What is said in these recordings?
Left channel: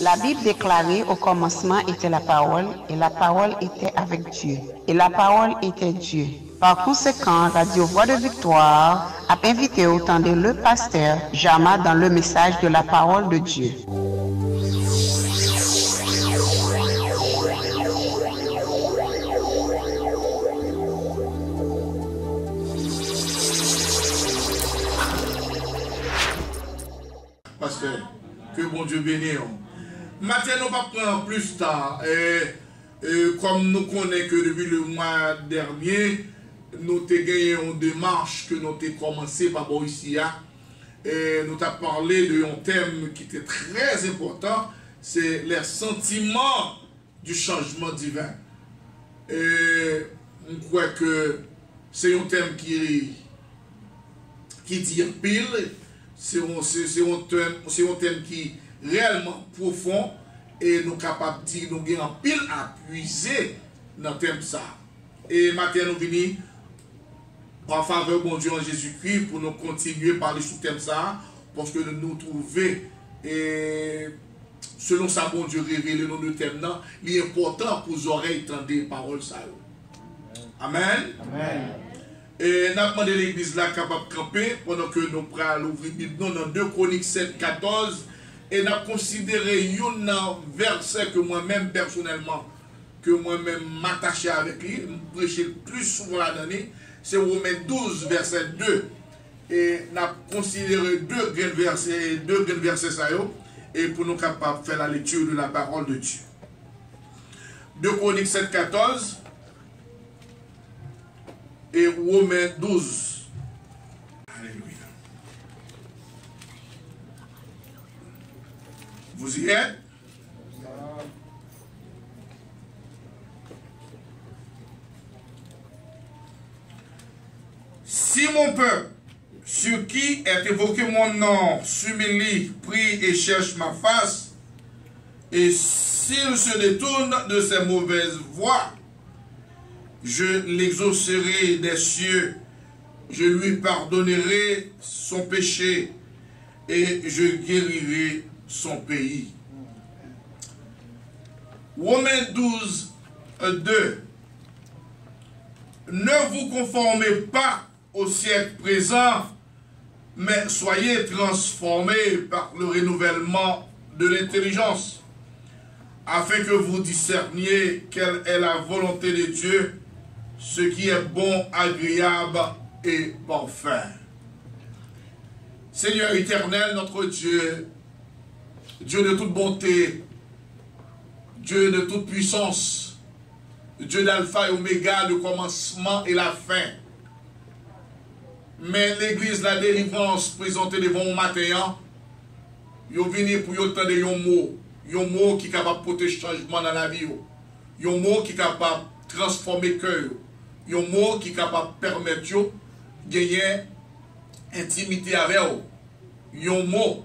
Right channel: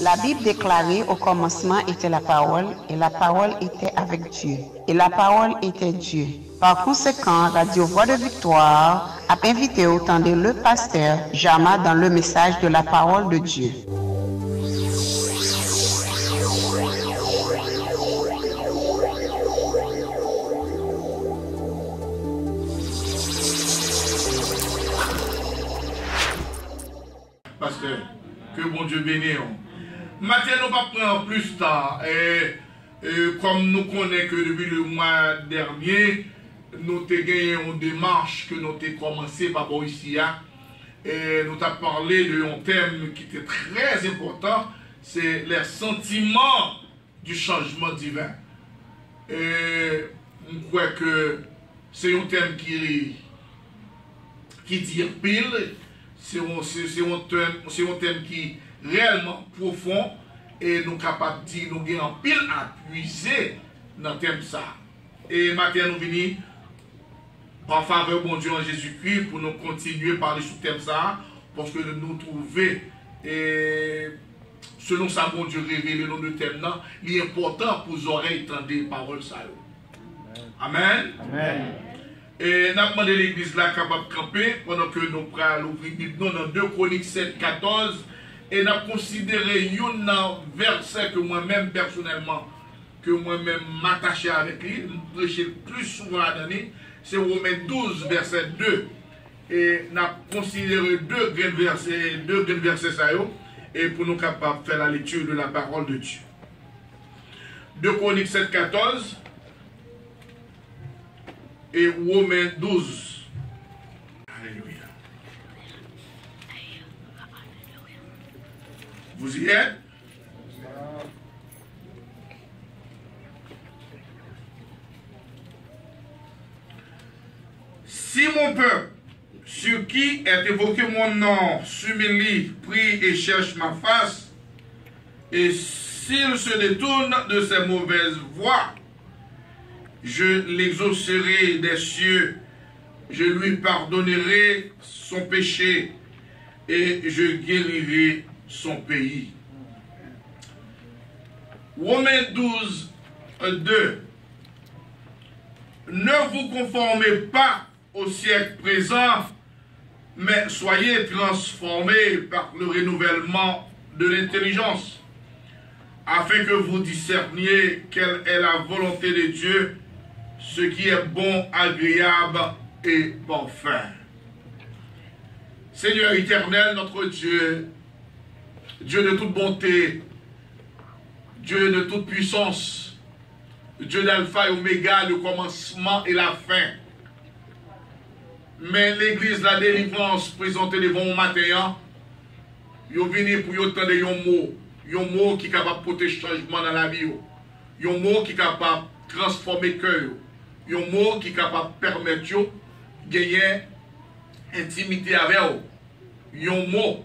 La Bible déclarait au commencement était la parole et la parole était avec Dieu et la parole était Dieu. Par conséquent, Radio Voix de Victoire a invité autant de le pasteur Jama dans le message de la parole de Dieu. Pasteur, que bon Dieu bénisse. Maintenant, nous ne pas prendre plus de temps. Comme nous connaissons que depuis le mois dernier, nous avons gagné une démarche que nous avons commencé par ici. Et nous avons parlé d'un thème qui était très important, c'est les sentiments du changement divin. Et je crois que c'est un thème qui dit pile, c'est un thème qui est réellement profond et nous sommes capables de dire que nous avons pile à puiser dans le thème ça. Et maintenant nous venons en faveur de bon Dieu en Jésus-Christ pour nous continuer à parler sur le thème ça, parce que nous trouvons, et selon ça, bon Dieu révélé dans le thème là, il est important pour les oreilles entendre les paroles ça. Amen. Amen. Et nous avons demandé l'église là capable de camper pendant que nous prenons l'ouvrir dans 2 Chroniques 7, 14. Et nous avons considéré un verset que moi-même personnellement, que moi-même m'attaché avec lui, je prêcher plus souvent l'année, c'est Romains 12, verset 2. Et nous avons considéré deux grands versets ça, et pour nous capables de faire la lecture de la parole de Dieu. 2 Chroniques 7, 14 et Romains 12. Alléluia. Vous y êtes? Si mon peuple, sur qui est évoqué mon nom, s'humilie, prie et cherche ma face, et s'il se détourne de ses mauvaises voies, je l'exaucerai des cieux, je lui pardonnerai son péché, et je guérirai son pays. Romains 12, 2. Ne vous conformez pas au siècle présent, mais soyez transformés par le renouvellement de l'intelligence, afin que vous discerniez quelle est la volonté de Dieu, ce qui est bon, agréable et parfait. Seigneur éternel, notre Dieu, Dieu de toute bonté, Dieu de toute puissance, Dieu d'alpha et oméga, le commencement et la fin. Mais l'église, la délivrance présentée devant mon matin, ils sont venus pour entendre un mot qui est capable de porter changement dans la vie, un mot qui est capable de transformer le cœur, un mot qui est capable de permettre de gagner intimité avec eux, un mot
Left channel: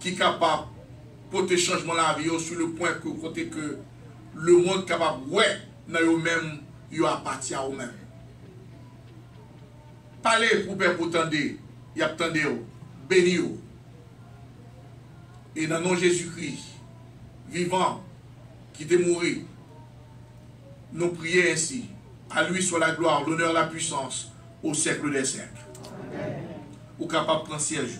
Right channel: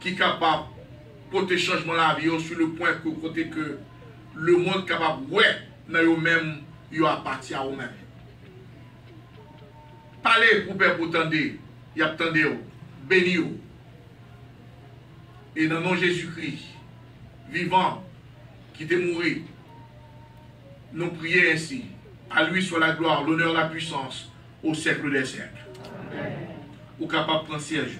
qui est capable de porter changement dans la vie sur le point que le monde est capable de ouais, dans eux-mêmes, ils appartiennent à eux-mêmes. Parlez pour père pour tendre, il a tendé, béni. Et dans le nom de Jésus-Christ, vivant, qui est mort, nous prions ainsi. À lui soit la gloire, l'honneur, la puissance, au siècle des siècles. Ou capable de prendre siège.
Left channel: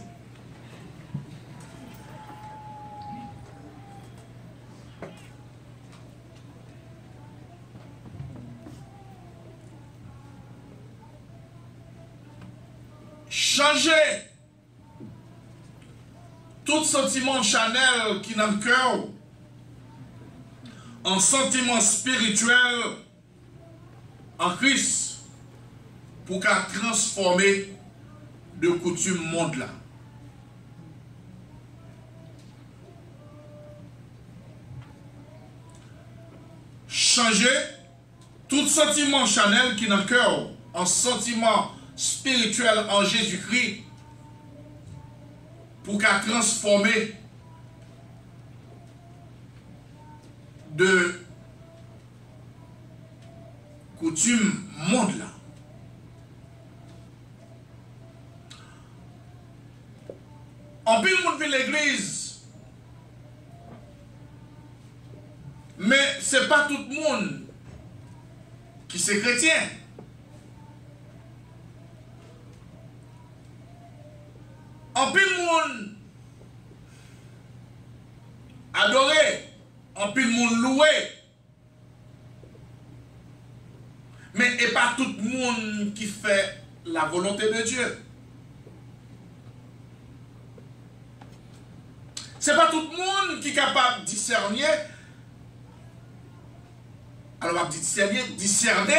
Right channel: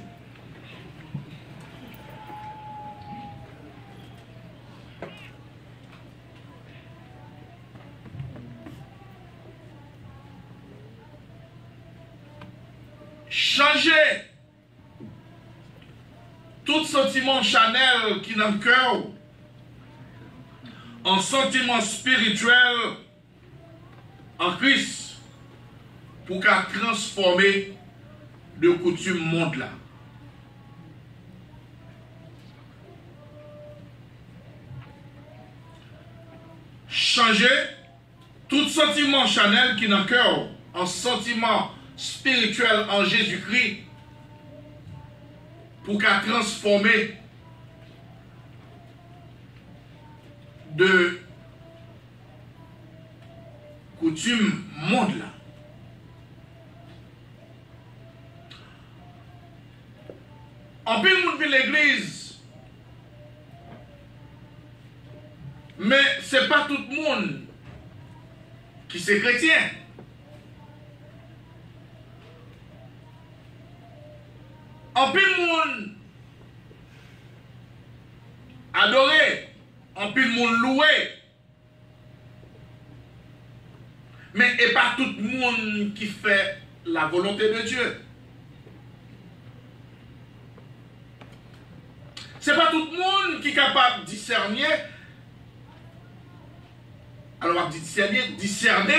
Changer tout sentiment charnel qui est dans le cœur en sentiment spirituel en Christ pour qu'à transformer de coutume monde là. Changer tout sentiment charnel qui est dans le cœur en sentiment spirituel en Jésus-Christ pour qu'à transformer de coutume monde là. En pile monde vient l'église Mais ce n'est pas tout le monde qui c'est chrétien. En pile monde adoré, en pile monde loué. Mais et pas tout le monde qui fait la volonté de Dieu. C'est pas tout le monde qui est capable de discerner. Alors on va discerner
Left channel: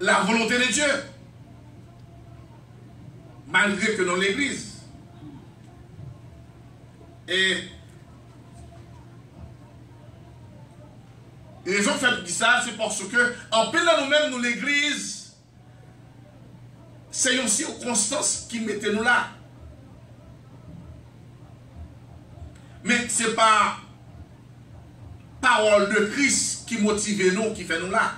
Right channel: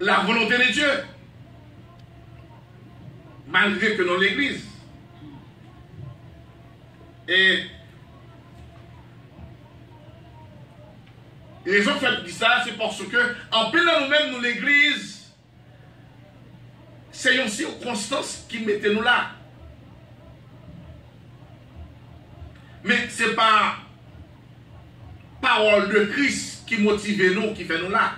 la volonté de Dieu. Malgré que dans l'église. Et raison fait de ça, c'est parce que en plein nous-mêmes, nous l'église, c'est une circonstance qui mettait nous là. Mais ce n'est pas parole de Christ qui motive nous, qui fait nous là.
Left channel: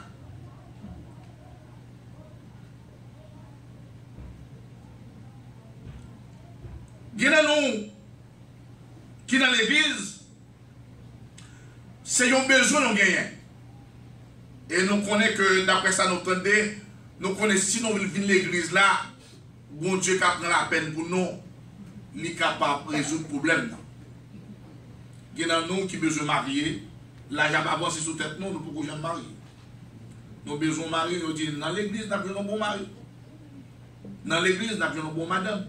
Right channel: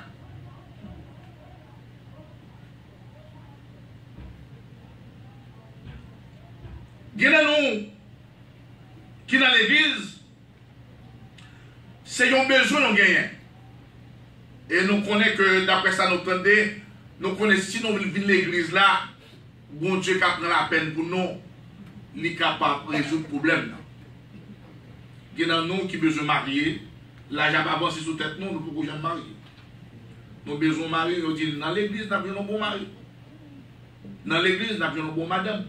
Il y a nous qui dans l'église, c'est un besoin de gagner. Et nous connaissons que d'après ça, nous entendons, nous connaissons si nous venons l'église là, bon Dieu qui prend la peine pour nous, il est capable de résoudre le problème. Il y a nous qui besoin de marier, là, j'ai pas avancé sous tête, nous ne pouvons jamais marier. Nous avons besoin de marier, nous disons, dans l'église, nous avons un bon mari. Dans l'église, nous avons un bon madame.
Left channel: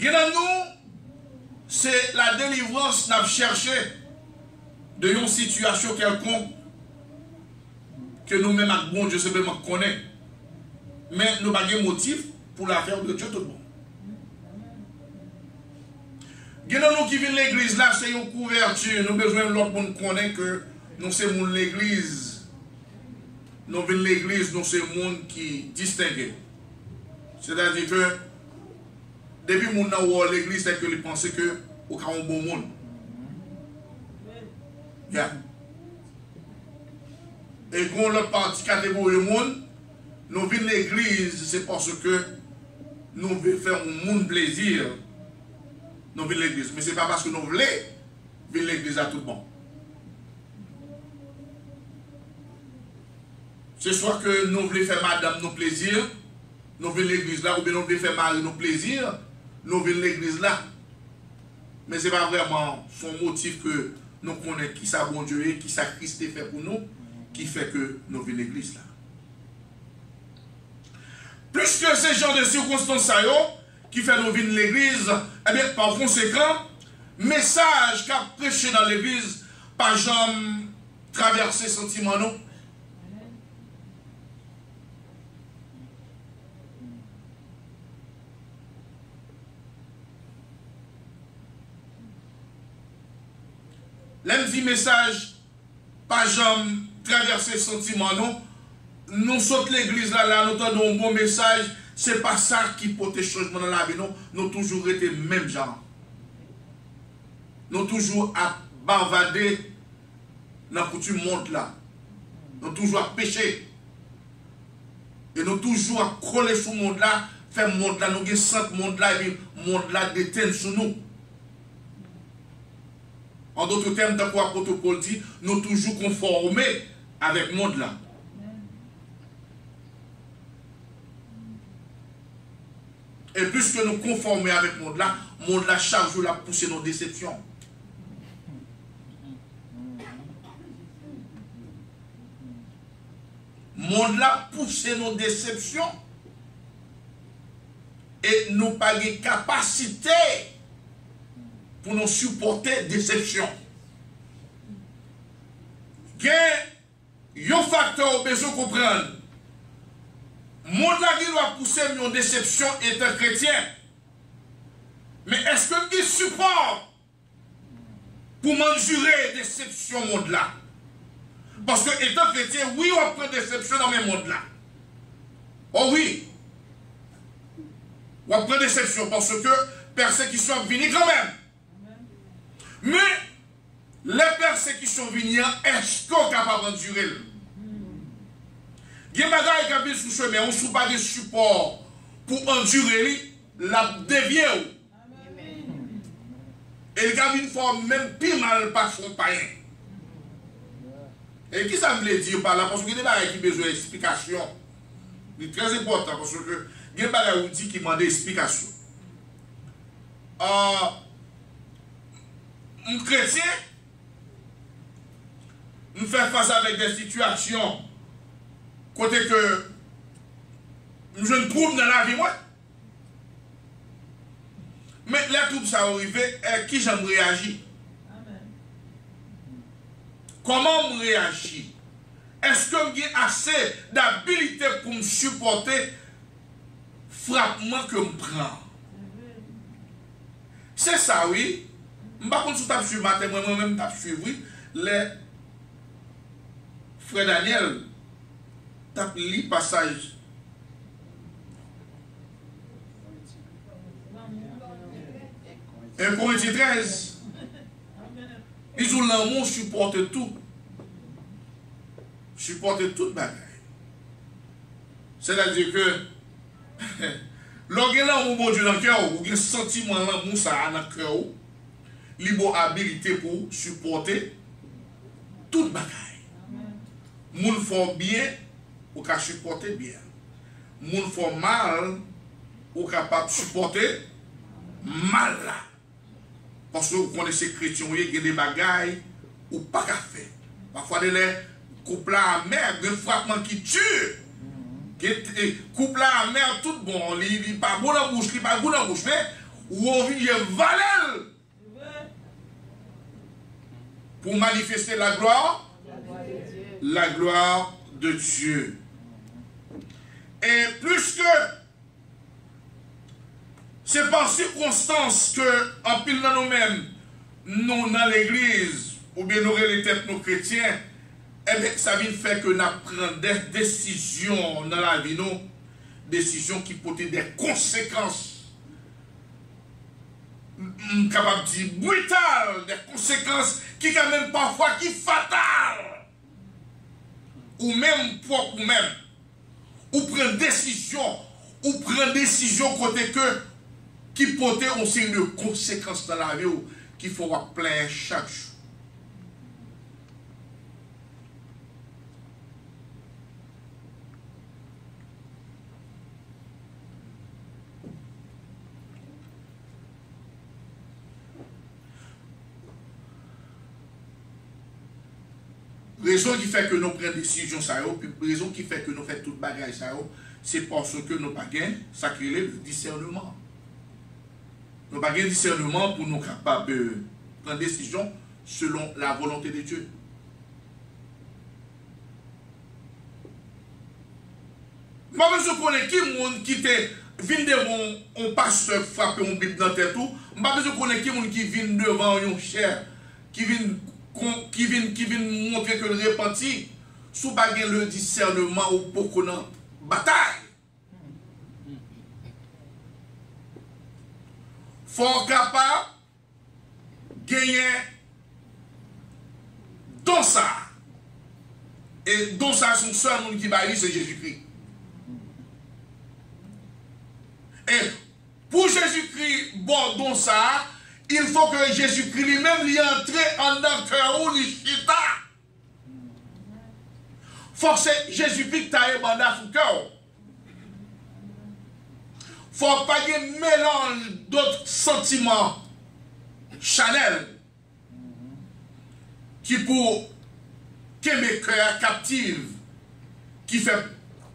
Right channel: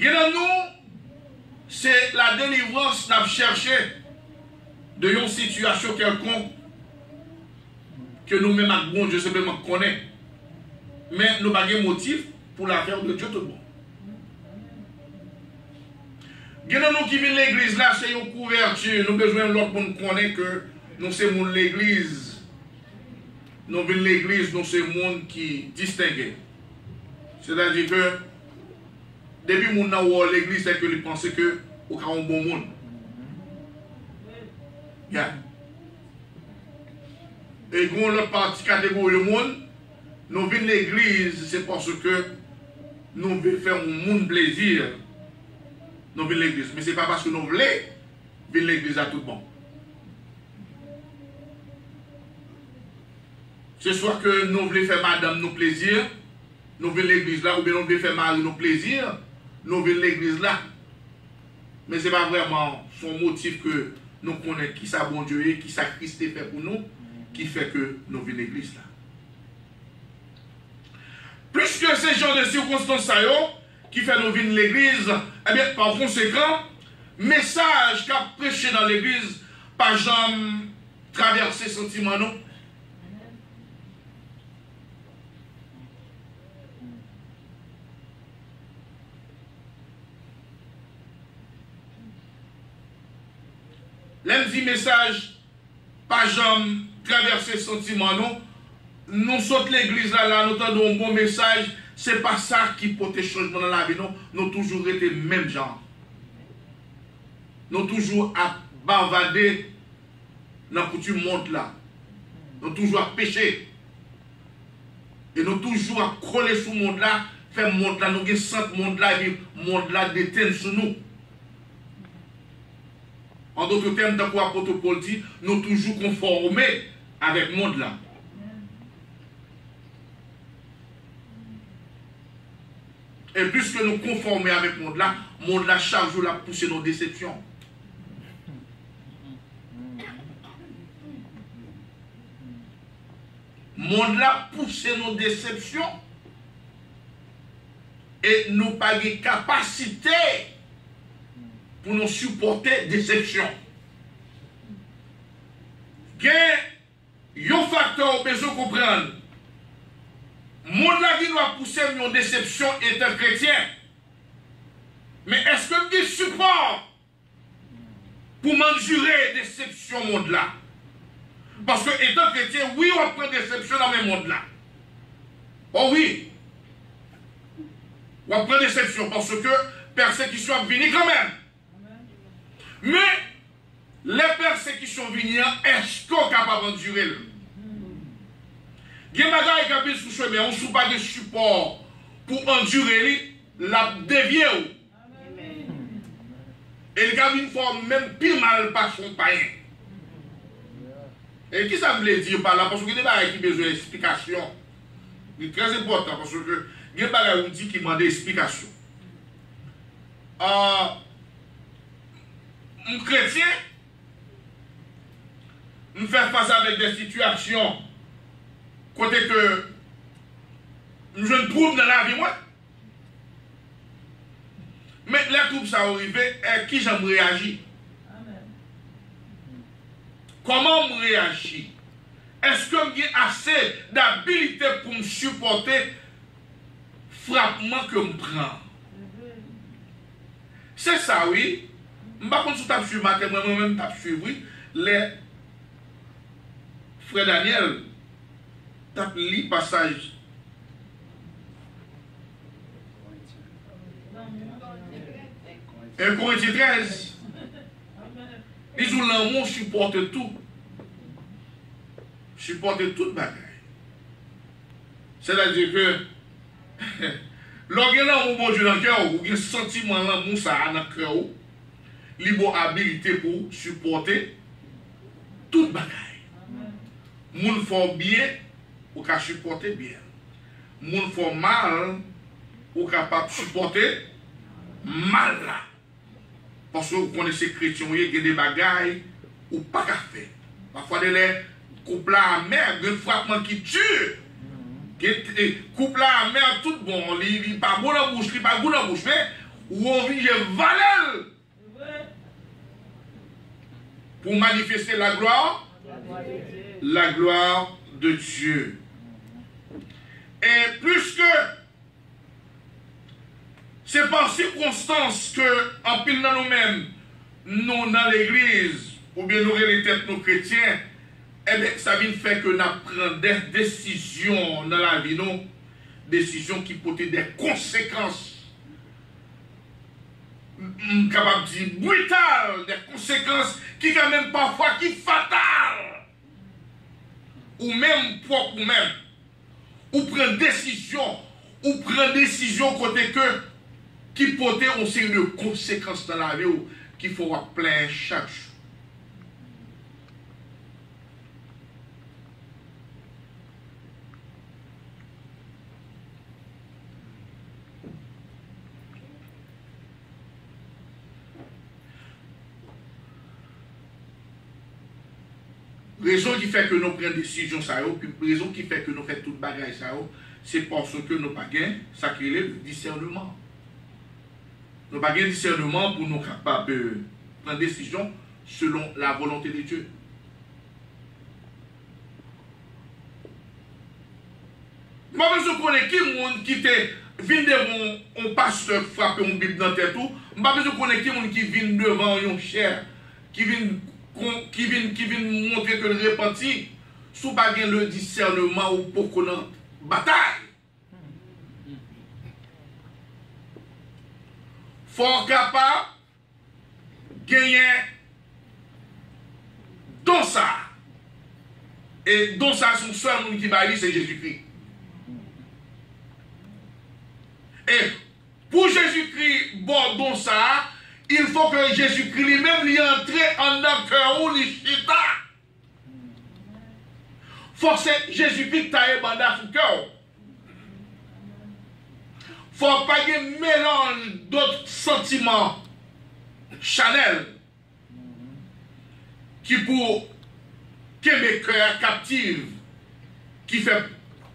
Il y a nous, c'est la délivrance n'a cherché de une situation quelconque que nous-mêmes, bon Dieu simplement connaît. Mais nous n'avons pas de motif pour la faire de Dieu tout le monde. Il y a nous qui viennent l'église là, c'est une couverture. Nous avons besoin de l'autre pour nous connaître que nous sommes l'église. Nous venons l'église, nous sommes le monde qui distingue. C'est-à-dire que depuis que nous avons l'église, c'est que nous pensons que nous avons un bon monde. Yeah. Et quand l'autre partie catégorie du monde, nous venons l'église, c'est parce que nous voulons faire un monde plaisir. Nous venons l'église. Mais ce n'est pas parce que nous voulons venir l'église à tout le monde. C'est soit que nous voulons faire madame nos plaisirs, nous venons l'église là, ou bien nous voulons faire mari nos plaisirs, nous venons l'église là. Mais ce n'est pas vraiment son motif que nous connaissons qui ça bon Dieu et qui ça Christ fait pour nous, qui fait que nous venons l'église là. Plus que ces genres de circonstances qui fait nous venir l'église, eh bien, par conséquent, message qu'a prêché dans l'église, pas jamais traverser sentiment non. L'un dit message, pas jamais traverser sentiment non. Nous sommes l'église là, nous entendons un bon message. C'est pas ça qui porte changement dans la vie, non. Nous toujours été même genre. Nous toujours à bavarder dans la coutume monde là. Nous toujours à pécher. Et nous toujours à coller sur le monde là, faire le monde là, nous avons sent monde là, et le monde là déteint sur nous. En d'autres termes, dans quoi l'apôtre Paul dit, nous toujours conformés avec le monde là. Et puisque nous conformons avec le monde là chaque jour la pousser nos déceptions. Le monde là pousser nos déceptions. Et nous pas de capacité pour nous supporter déception. Il y a un facteur besoin de comprendre. Monde là qui doit pousser une déception étant chrétien. Mais est-ce que je support pour m'endurer déception monde là? Parce que étant chrétien, oui, on prend déception dans mes mondes là. Oh oui. On prend déception parce que persécution vient quand même. Mais les persécutions viennent, est-ce qu'on est capable d'endurer? Il y a des gens qui sont sur le chemin, on ne trouve pas de support pour endurer la dévier. Et il a une forme même pire mal par son païen. Et qui ça veut dire par là? Parce que il y a des qui ont besoin d'explication. C'est très important parce que il y a des qui demandent explication. Un chrétien nous fait face avec des situations côté que je ne trouve dans la vie moi. Mais les troubles ça arrive, qui j'aime réagir? Comment me réagir? Est-ce que j'ai assez d'habilité pour me supporter frappement que je prends? C'est ça, oui. Je ne sais pas si tu as suivi matin, moi-même, tu as suivi les frère Daniel, tu as lu le passage. Un Corinthiens 13. Ils ont l'amour supporte tout. Supporte toute bagaille. C'est-à-dire que lorsque l'amour bon Dieu dans le cœur, ou un sentiment l'amour ça dans le cœur, il a habilité pour supporter toute bagaille. Moun font bien, ou qu'à supporter bien. Moun font mal, ou capable de supporter mal là. Parce que vous connaissez les chrétiens, il y a des bagailles ou pas qu'à faire. Parfois, des couples amers, des frappements qui tuent. Couple amer, tout bon, il n'est pas bon dans la bouche, il n'est pas bon dans la bouche, mais ou on vit valel pour manifester la gloire de Dieu. Et plus que c'est par circonstance que, en pile dans nous-mêmes, nous dans l'église, ou bien nous les têtes nos chrétiens, eh bien, ça vient faire que nous prenons des décisions dans la vie, nous, décisions qui portent des conséquences, capable de dire brutales, des conséquences qui quand même parfois qui fatales, ou même propre ou même, ou prendre décision côté que qui portent une série de conséquences dans la vie qu'il faut avoir plein chaque jour. Raison qui fait que nous prenons des décisions, puis raison qui fait que nous faisons toute bagaille, c'est parce que nous n'avons pas ça qui est le discernement. Nous n'avons pas de discernement pour nous capables de prendre des décisions selon la volonté de Dieu. Moi, je connais qui vient devant un pasteur frapper une Bible dans la tête. Je connais qui vient devant un cher, qui vient montrer que le repenti, sous baguette le discernement ou pour qu'on ait bataille. Faut capable de gagner dans ça. Et dans ça, son seul monde qui va aller, c'est Jésus-Christ. Et pour Jésus-Christ, bon, dans ça, il faut que Jésus-Christ lui-même lui entre en un cœur ou lui chita. Faut que Jésus-Christ qui t'a ébandé dans son cœur. Faut pas qu'il y ait mélange d'autres sentiments chanel qui pour que mes cœurs captifs, qui fait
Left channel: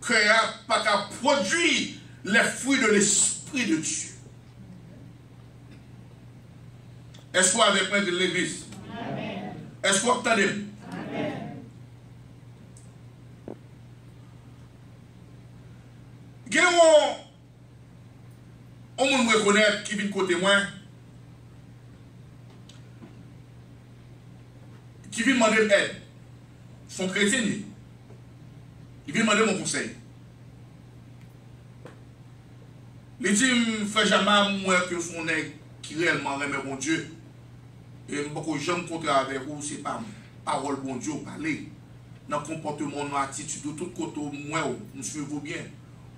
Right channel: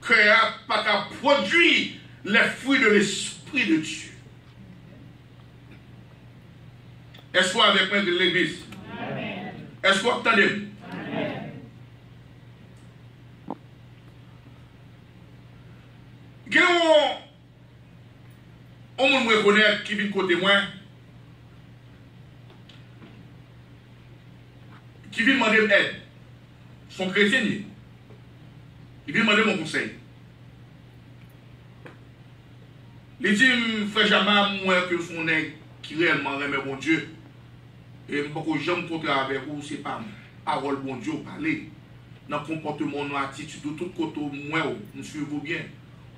cœur pas qu'à produire les fruits de l'Esprit de Dieu. Est-ce que vous avec moi de l'église? Est-ce que vous entendez? On me reconnaît qui vient côté moi, qui vient demander aide. Son chrétien, il vient demander mon conseil. Il dit, frère Jamal, moi que son nègre qui réellement remet mon Dieu. Et beaucoup de gens me contre avec vous, c'est pas parole bon Dieu parler. Dans le comportement, dans l'attitude, de tout côté, moi, nous suivons bien.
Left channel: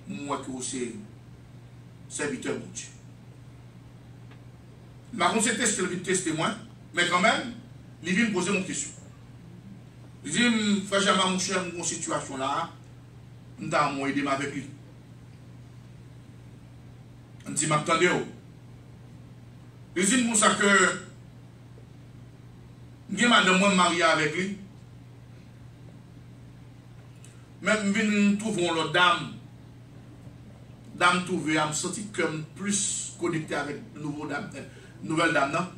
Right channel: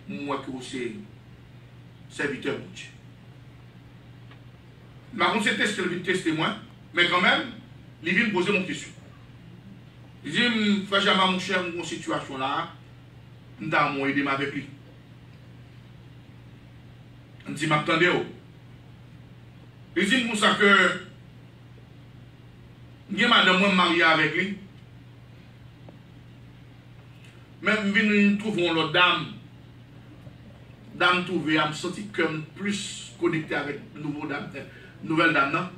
Moi que c'est serviteur bon Dieu. Par contre, c'est tester moi, mais quand même, il vient me poser une question. Il dit, frère Jamal, mon cher, mon situation là, je vais aider avec lui. Je dis, m'attendez. Il dit, pour ça que, je madame moi mariée avec lui. Même si nous trouvons l'autre dame, trouvée, je me sens comme plus connecté avec nouvelle dame,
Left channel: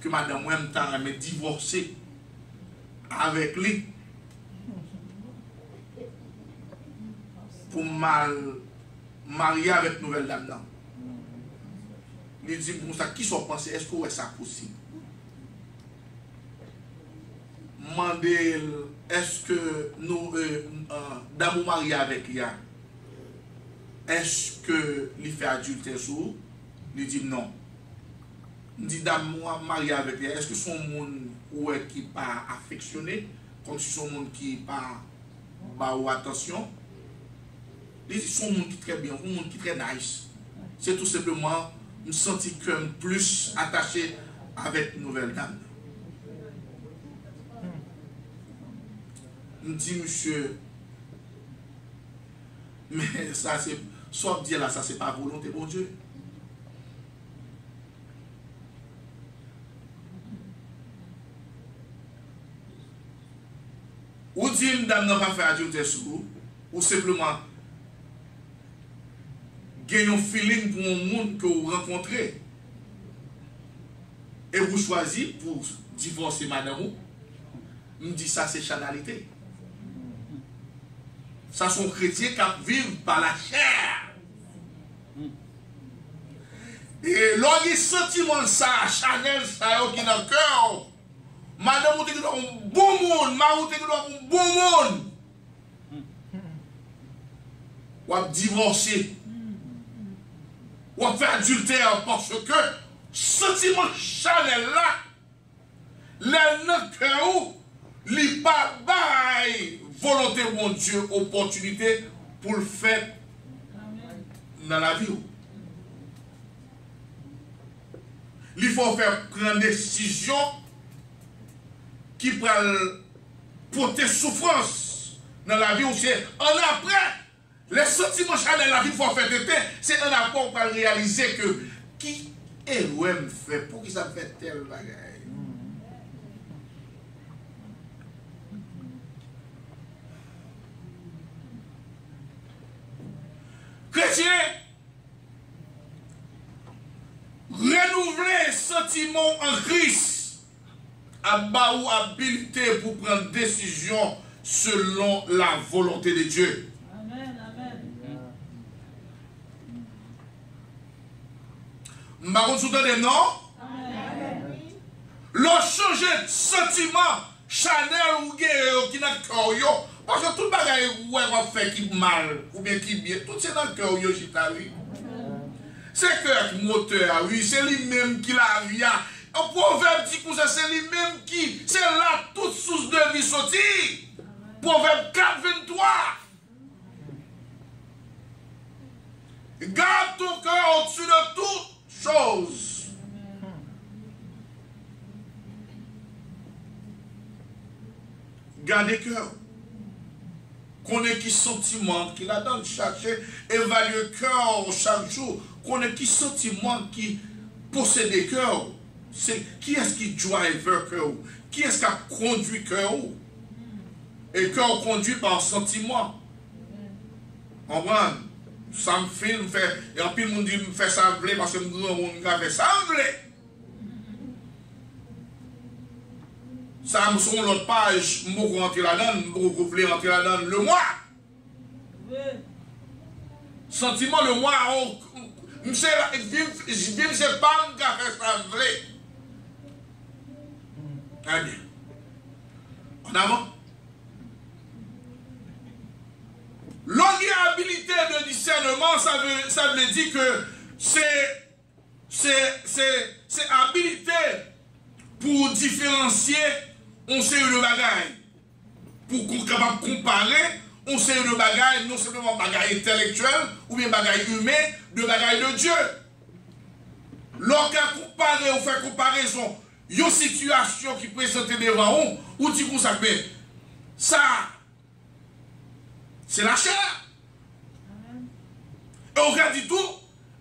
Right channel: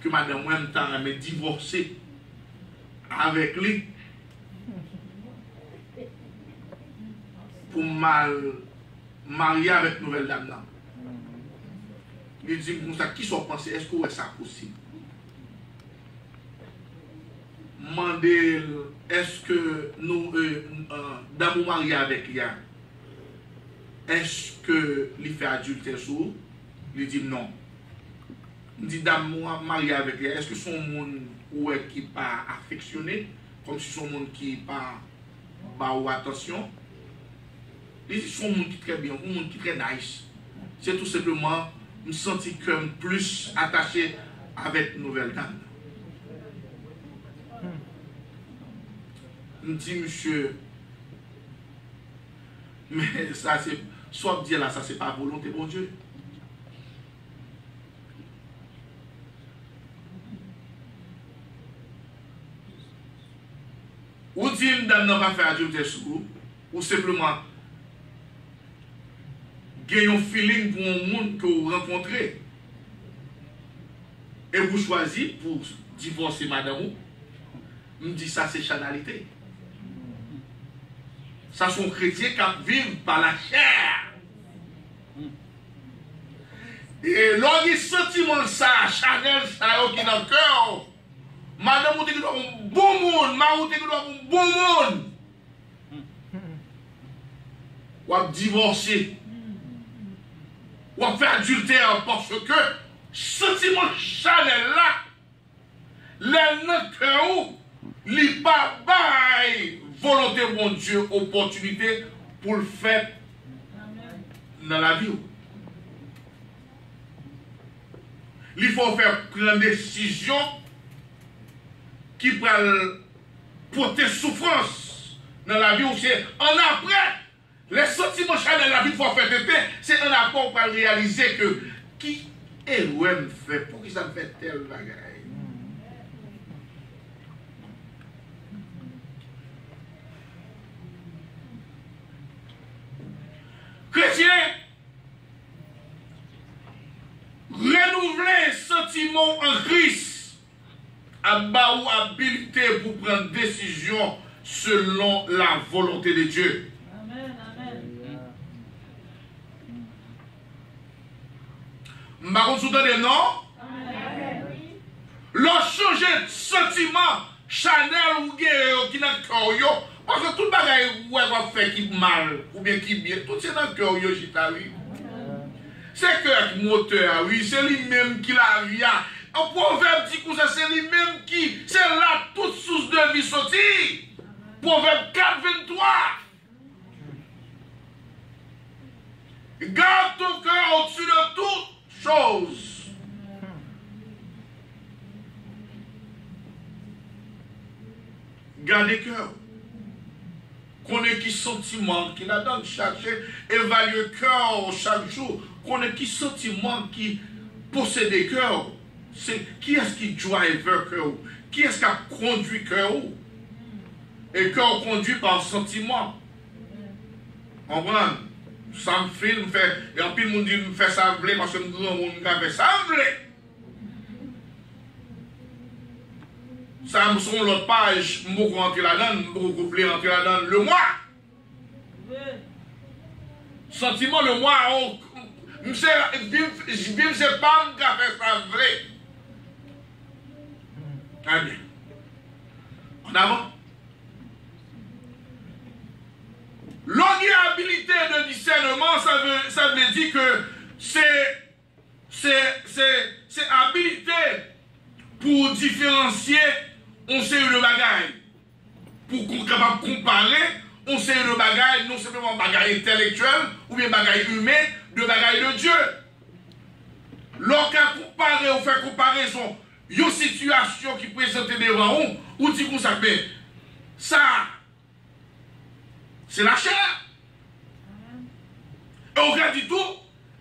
que madame moi me divorcé avec lui pour mal marier avec nouvelle dame. Il dit pour ça, qui sont pensés, est-ce que c'est possible? Mandez, est-ce que nous, d'amour marié avec lui, est-ce que lui fait adultère sur? Il dit non. Il dit d'amour marié avec lui, est-ce que son monde qui pas affectionné, comme si son monde qui pas ou attention? Il dit son monde qui très bien, un monde qui très nice. C'est tout simplement me sentir comme plus attaché avec nouvelle dame. Je me dis, monsieur, mais ça c'est, soit dire là, ça c'est pas volonté, bon Dieu. Ou dit, dame n'a pas fait adultère sur vous, ou simplement, gagnez un feeling pour un monde que vous rencontrez, et vous choisissez pour divorcer madame, me dit ça c'est chanalité. Ça sont chrétiens qui vivent par la chair. Et lorsqu'il y a sentiment ça, Chanel, ça qui est dans le cœur, madame, vous avez un bon monde, madame, vous avez un bon monde. Vous avez divorcé. Vous avez fait adultère parce que sentiment Chanel là, le cœur, il n'y a pas volonté de mon Dieu, opportunité pour le faire dans la vie. Il faut faire prendre des décisions qui peuvent porter souffrance dans la vie. C'est en après, les sentiments dans la vie, il faut faire tête. C'est en après pour réaliser que qui est me fait, pour qui ça me fait tel bagaille. Chrétien, renouveler sentiment en Christ à bas ou habilité pour prendre décision selon la volonté de Dieu. Amen, amen. Marron soutenez non? Amen. Leur changer de sentiment, Chanel ou guerre qui n'a cœur. Parce que tout le bagage va faire qui mal, ou bien qui bien, tout c'est dans le cœur, oui. C'est cœur qui moteur, oui, c'est lui-même qui la vie. Un proverbe dit que c'est lui-même qui, c'est là toute source de vie sortie. Proverbe 4, 23. Garde ton cœur au-dessus de toutes choses. Gardez cœur. Connaît qui sentiment qui la donne chercher, évaluer le cœur chaque jour. Connaît qui sentiment qui possède le cœur. C'est qui est-ce qui drive le cœur? Qui est-ce qui a conduit le cœur? Et le cœur conduit par sentiment. On voit, ça me filme, et en plus, le monde dit me fait ça parce que le grand monde fait ça ça me sont l'autre page, je vais rentrer là-dedans, je vais rentrer là-dedans le mois. Oui. Sentiment le mois, je ne sais pas me faire ça vrai. Ah bien. En avant. L'habilité de discernement, ça veut dire que c'est habilité pour différencier on sait le bagaille. Pour qu'on soit capable de comparer, on sait le bagaille, non seulement bagaille intellectuel, ou bien bagaille humain, de bagaille de Dieu. Lorsqu'on compare, on fait comparaison, une situation qui présente devant nous, ou dit qu'on s'appelle, ça, c'est la chair. Et on regarde tout,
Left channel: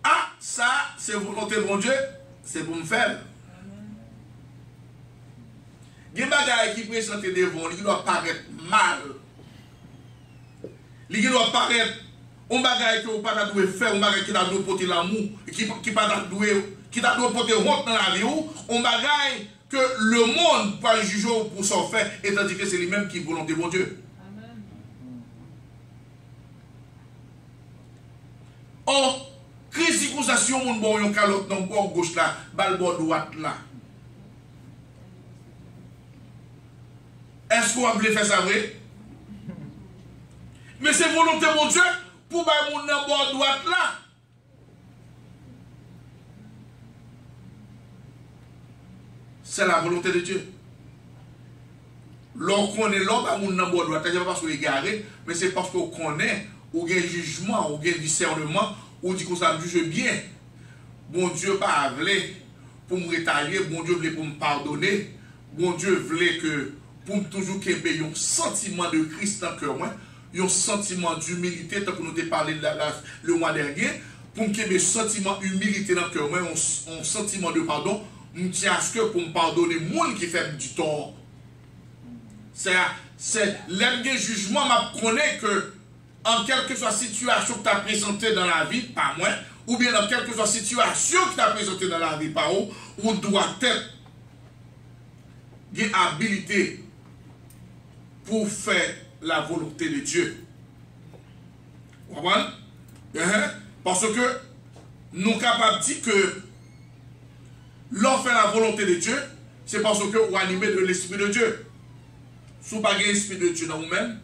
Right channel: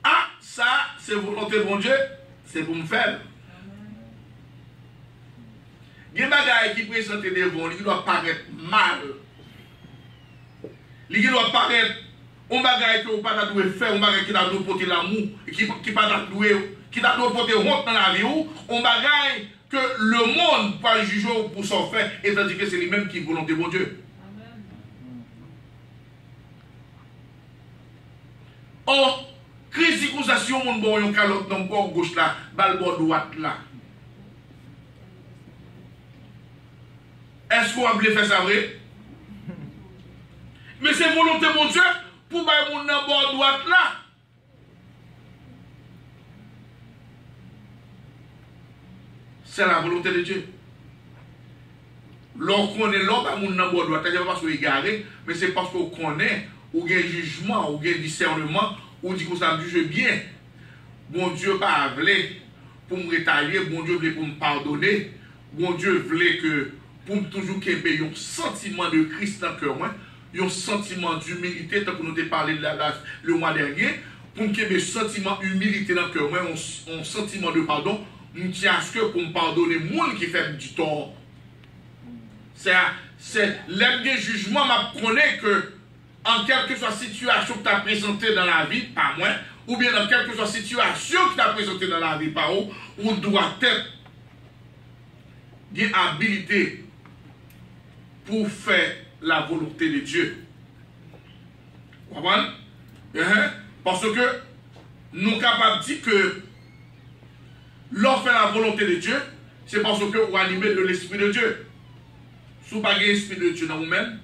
ah, ça, c'est volonté de mon Dieu, c'est pour me faire. Il y a des bagages qui présentent devant nous, il doit paraître mal. Il doit paraître un bagage que vous ne pouvez pas faire, un bagage qui doit porter l'amour, qui doit porter honte dans la vie, un bagage que le monde peut juger pour s'en faire, et tandis que c'est lui-même qui est volonté de mon Dieu. Or, crise d'accusation, mon bon, yon calotte dans le bord gauche là, bal bord droite là. Est-ce qu'on va faire ça vrai? Mais c'est volonté de mon Dieu pour bailler mon dans le bord droite là. C'est la volonté de Dieu. Lorsqu'on connaît l'homme, mon dans le bord droite, c'est pas parce qu'on est égaré, mais c'est parce qu'on connaît, ou il y a un jugement, ou il y a un discernement, ou dit qu'on s'en juge bien. Bon Dieu pas voulu pour me rétailler, bon Dieu voulait pour me pardonner, bon Dieu voulait que pour me toujours qu'il y ait un sentiment de Christ dans le cœur, un sentiment d'humilité, tant que nous avons parlé le mois dernier, pour qu'il y ait un sentiment d'humilité dans le cœur, un sentiment de pardon, je tiens à ce que pour me pardonner, moi qui fait du tort. C'est l'aime jugement, je connais que en quelque soit situation que tu as présentée dans la vie, pas moi, ou bien dans quelque soit situation que tu as présentée dans la vie, par où, on doit être une habilité pour faire la volonté de Dieu. Vous comprenez? Parce que nous sommes capables de dire que l'on fait la volonté de Dieu, c'est parce que vous animez de l'Esprit de Dieu. Si vous n'avez pas l'Esprit de Dieu dans vous-même,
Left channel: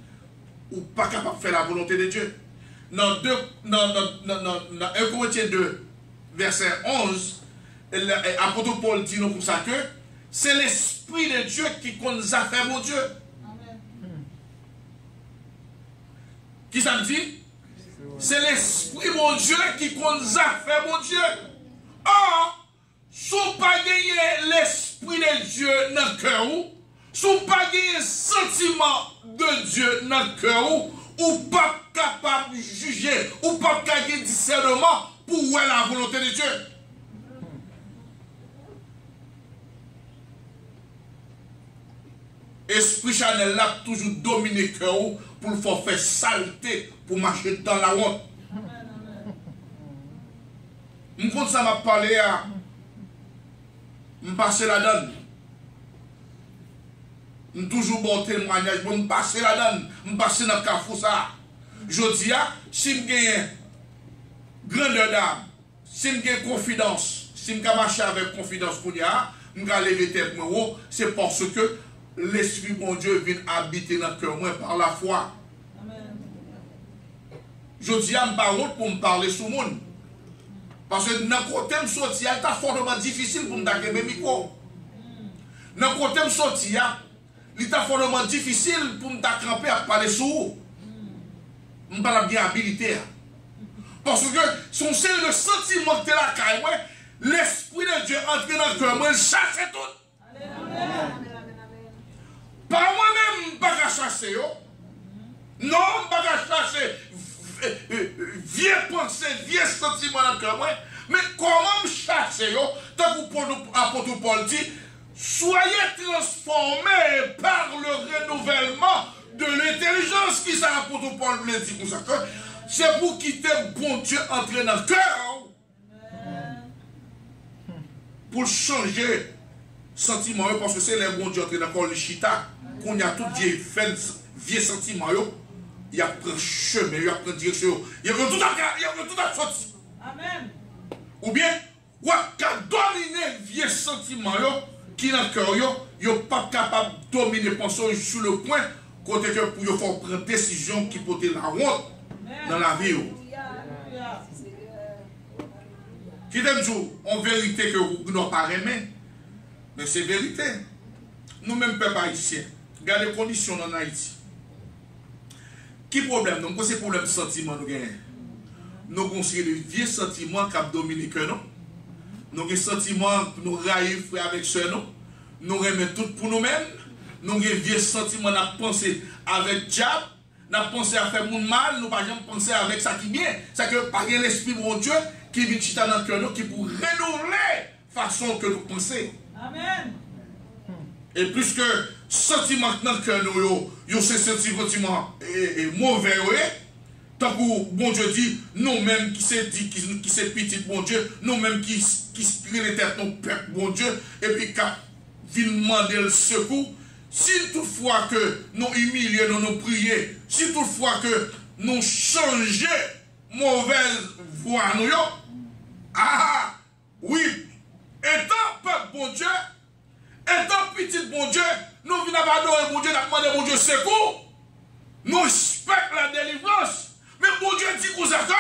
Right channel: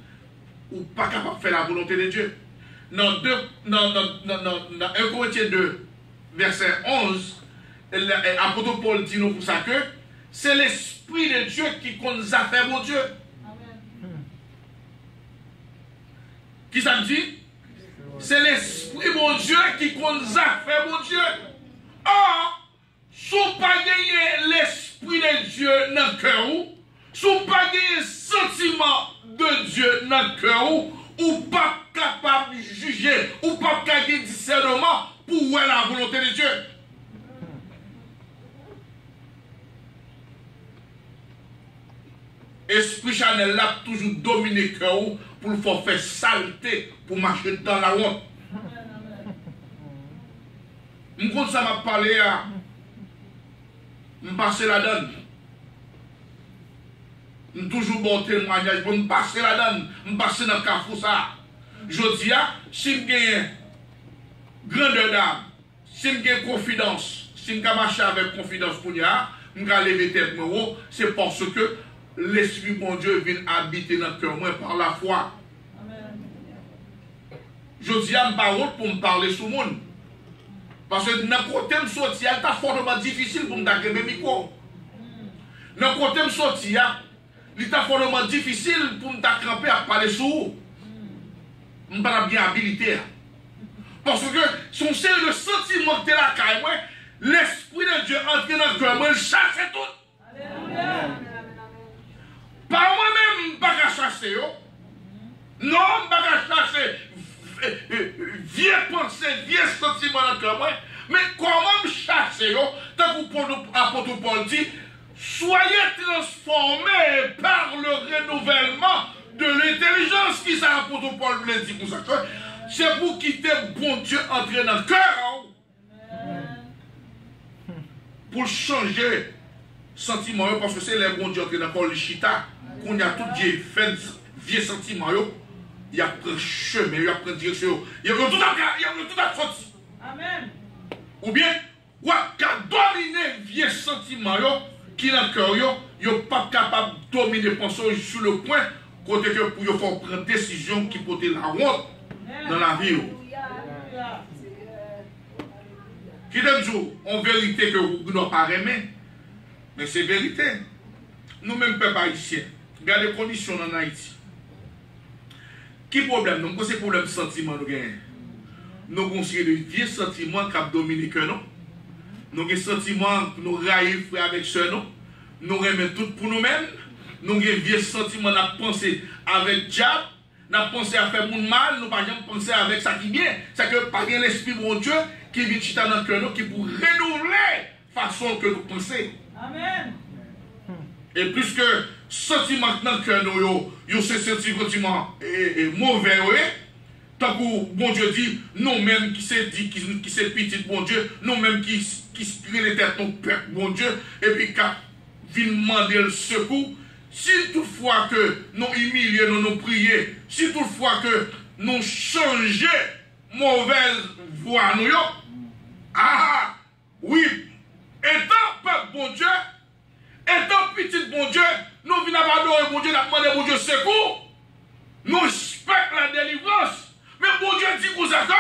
ou pas capable de faire la volonté de Dieu. Dans 1 Corinthiens 2, verset 11, l'apôtre Paul dit nous pour ça que c'est l'Esprit de Dieu qui nous a fait mon Dieu. Amen. Qui ça me dit? C'est l'Esprit mon Dieu qui nous a fait mon Dieu. Or, si vous n'avez pas gagné l'Esprit de Dieu dans le cœur, si vous n'avez pas gagné le sentiment de Dieu dans le cœur, ou pas capable de juger, ou pas capable de discernement pour voir la volonté de Dieu. Esprit Chanel l'a toujours dominé le cœur pour le faire saleté, pour marcher dans la honte. Je compte ça m'a parlé à me passer la donne. Je toujours bon témoignage, je me passer la donne, je me passer dans le carrefour ça. Je dis, si je gagne grandeur d'âme, si je gagne confidence, si je marche avec confidence pour moi, je vais lever tête moi, c'est parce que l'Esprit bon Dieu vient habiter dans le cœur moi par la foi. Amen. Je dis à parole pour me parler sur le monde. Parce que dans le côté de sortir, c'est fortement difficile pour me donner mes micros. Dans le côté de sortir, il est fortement difficile pour me cramper à parler sur vous. Je ne suis pas bien habilité. Parce que son c'est le sentiment que tu as là, l'Esprit de Dieu entre dans le cœur, il chasse tout. Alléluia. Par moi-même, je ne peux pas chasser. Non, je ne peux pas chasser vieux pensées, vieux sentiments dans le cœur. Mais comment me chasser? Tant que l'apôtre Paul dit, soyez transformés par le renouvellement de l'intelligence qui ça l'apôtre Paul voulait dire pour ça. C'est pour quitter bon Dieu entrer dans le cœur. Pour changer sentiment parce que c'est les bon Dieu entrer dans le corps le chita. Qu'on y a tout vieux sentiment, il y a pris chemin, il y a pris direction, il y a tout à sorti. Amen. Ou bien, il y a dominé vieux sentiment qui dans le cœur, il n'est pas capable de dominer pensée sur le point côté que pour faire prendre une décision qui porte la honte dans la vie. Qui donne jour en vérité que vous ne doit pas aimer, mais c'est vérité. Nous-mêmes, peuple haïtien, regardez les conditions en Haïti. Qui problème? Donc, c'est problème de sentiment nous gagnons. Nous considérons les vieux sentiments qui ont dominé que nous. nous avons des sentiments, nous raillons frère avec soeur, nous remettons tout pour nous-mêmes, nous avons des vieux sentiments, nous avons pensé avec diable, nous avons pensé à faire mon mal, nous n'avons pas pensé avec ça qui vient. C'est que par l'Esprit mon Dieu qui vient chita dans le cœur, qui pour renouveler la façon que nous pensons. Amen. Et puisque sentiment dans le cœur, nous, c'est sentiment mauvais, tant que bon Dieu dit, nous-mêmes qui c'est dit, qui c'est petit, bon Dieu, nous-mêmes qui les têtes, nos peuple, bon Dieu, et puis qui viennent demander le secours, si toutefois que nous humilions, nous prions, si toutefois que nous changeons mauvaise voie, nous, oui, étant peuple, bon Dieu, étant petit, bon Dieu, nous venons adorer, bon Dieu, nous demandons, bon Dieu, secours, nous respectons la délivrance. Mais bon Dieu dit qu'on s'accorde.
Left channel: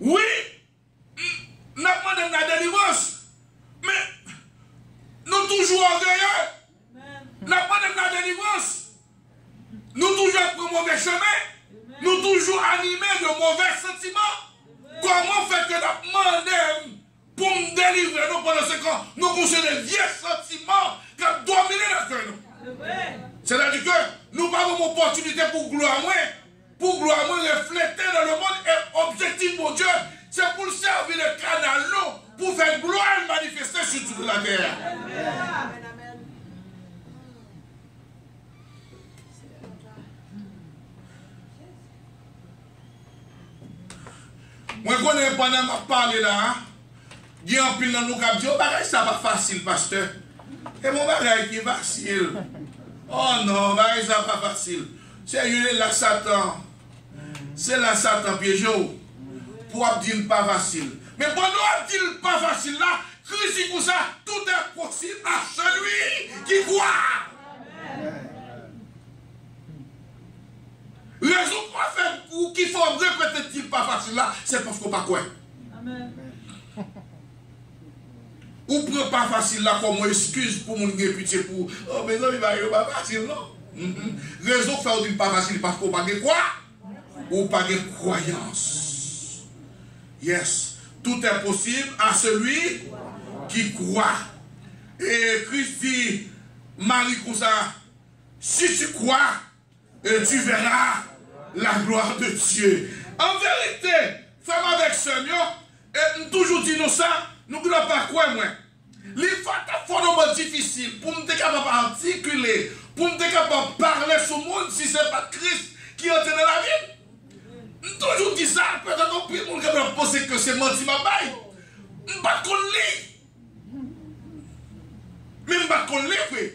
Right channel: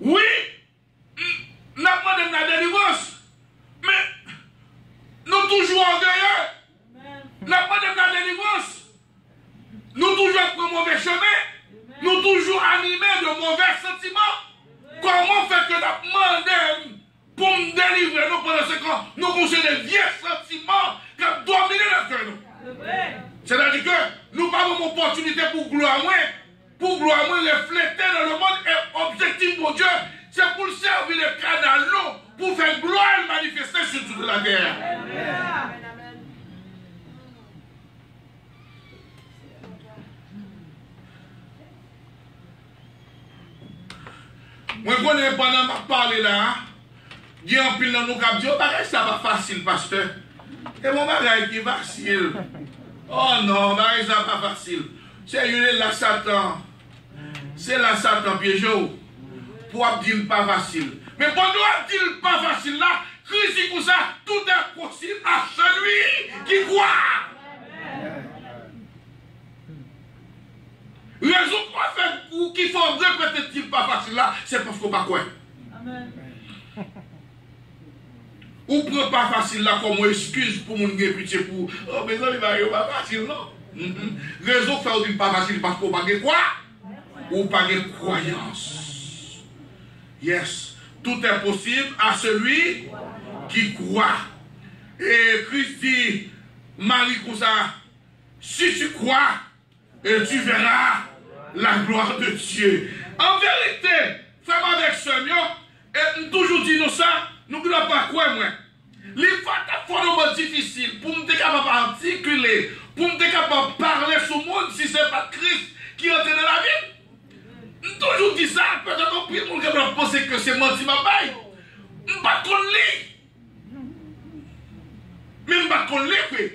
Oui, nous demandons la délivrance. Mais nous toujours orgueilleux. Nous demandons la délivrance. Nous toujours prenons mauvais chemin. Nous toujours animés de mauvais sentiments. Comment faire que nous demandons pour nous délivrer nous pendant 5 ans? Nous possédons des vieux sentiments qui ont dominé notre cœur. C'est-à-dire que nous avons une opportunité pour gloire moins. Pour gloire refléter dans le monde et objectif pour Dieu, c'est pour servir le canal pour faire gloire et manifester sur toute la terre. Amen. Moi, je connais pendant que je parle là, il y a un pile dans nous qui dit, oh, ça va facile, pasteur. Et mon bagage qui est facile. Oh non, ça va pas facile. C'est la Satan. C'est la Satan piège pour dire pas facile. Mais pour nous dire pas facile là, Christ dit comme ça, tout est possible à celui qui croit. Raison pour faire ou qu'il faut répéter dire pas facile là, c'est parce qu'on pas quoi. Amen. Ou prend pas facile là comme excuse pour mon pitié pour oh mais non il va pas facile non. Raison pour faire dire pas facile parce qu'on pas quoi. Ou pas de croyance. Yes. Tout est possible à celui qui croit. Et Christ dit, Marie comme ça, si tu crois, tu verras la gloire de Dieu. En vérité, fais-moi avec ce mieux, et nous toujours dit nous ça, nous ne pouvons pas croire moi. Les faits fondamentalement difficiles pour nous être capable d'articuler, pour nous être capable de parler sur le monde si ce n'est pas Christ qui entre dans la vie. Toujours dit ça, peut-être qu'on peut nous penser que c'est menti ma baille. Je ne sais pas qu'on lit. Mais je ne sais pas qu'on lit.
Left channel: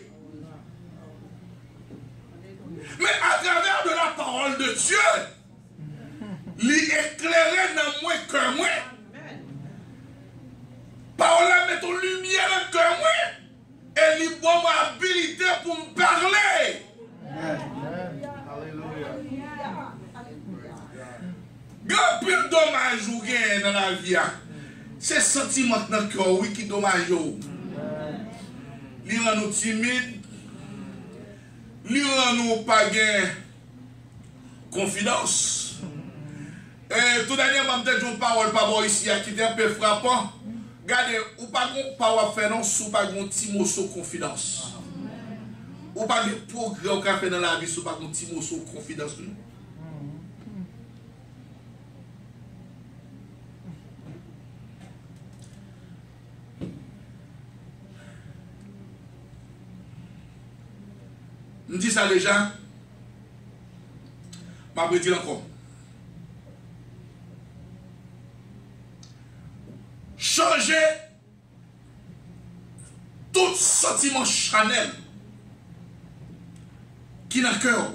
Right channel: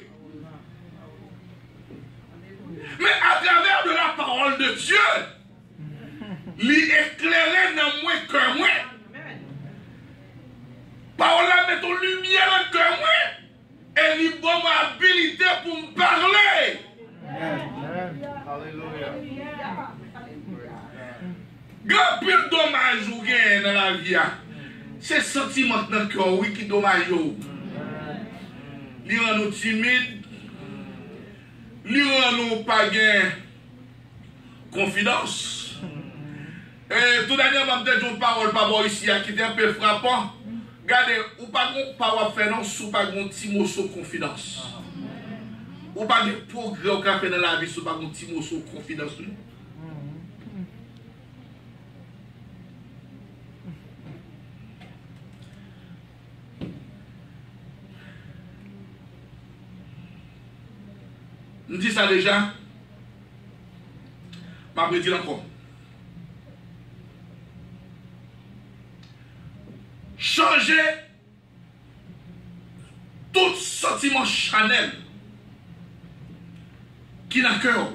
Mais à travers de la parole de Dieu, l'éclairer dans moi que moi. Parole là met en lumière dans le cœur moi. Et lui donne ma habilité pour me parler. Grand plus de dommages ou gain dans la vie, c'est le sentiment dans le cœur, oui, qui est dommage. Il rend nous timides, il rend nous pas gain confiance. Et tout dernièrement, je une parole pas bon ici, qui était un peu frappant. Regardez, ou pas de parole faire non, ou pas de petit mot sur confiance. Ou pas de progrès au café dans la vie, ou pas de petit mot sur confiance. On dit ça déjà. Je vais dire encore. Changer tout sentiment charnel qui n'a cœur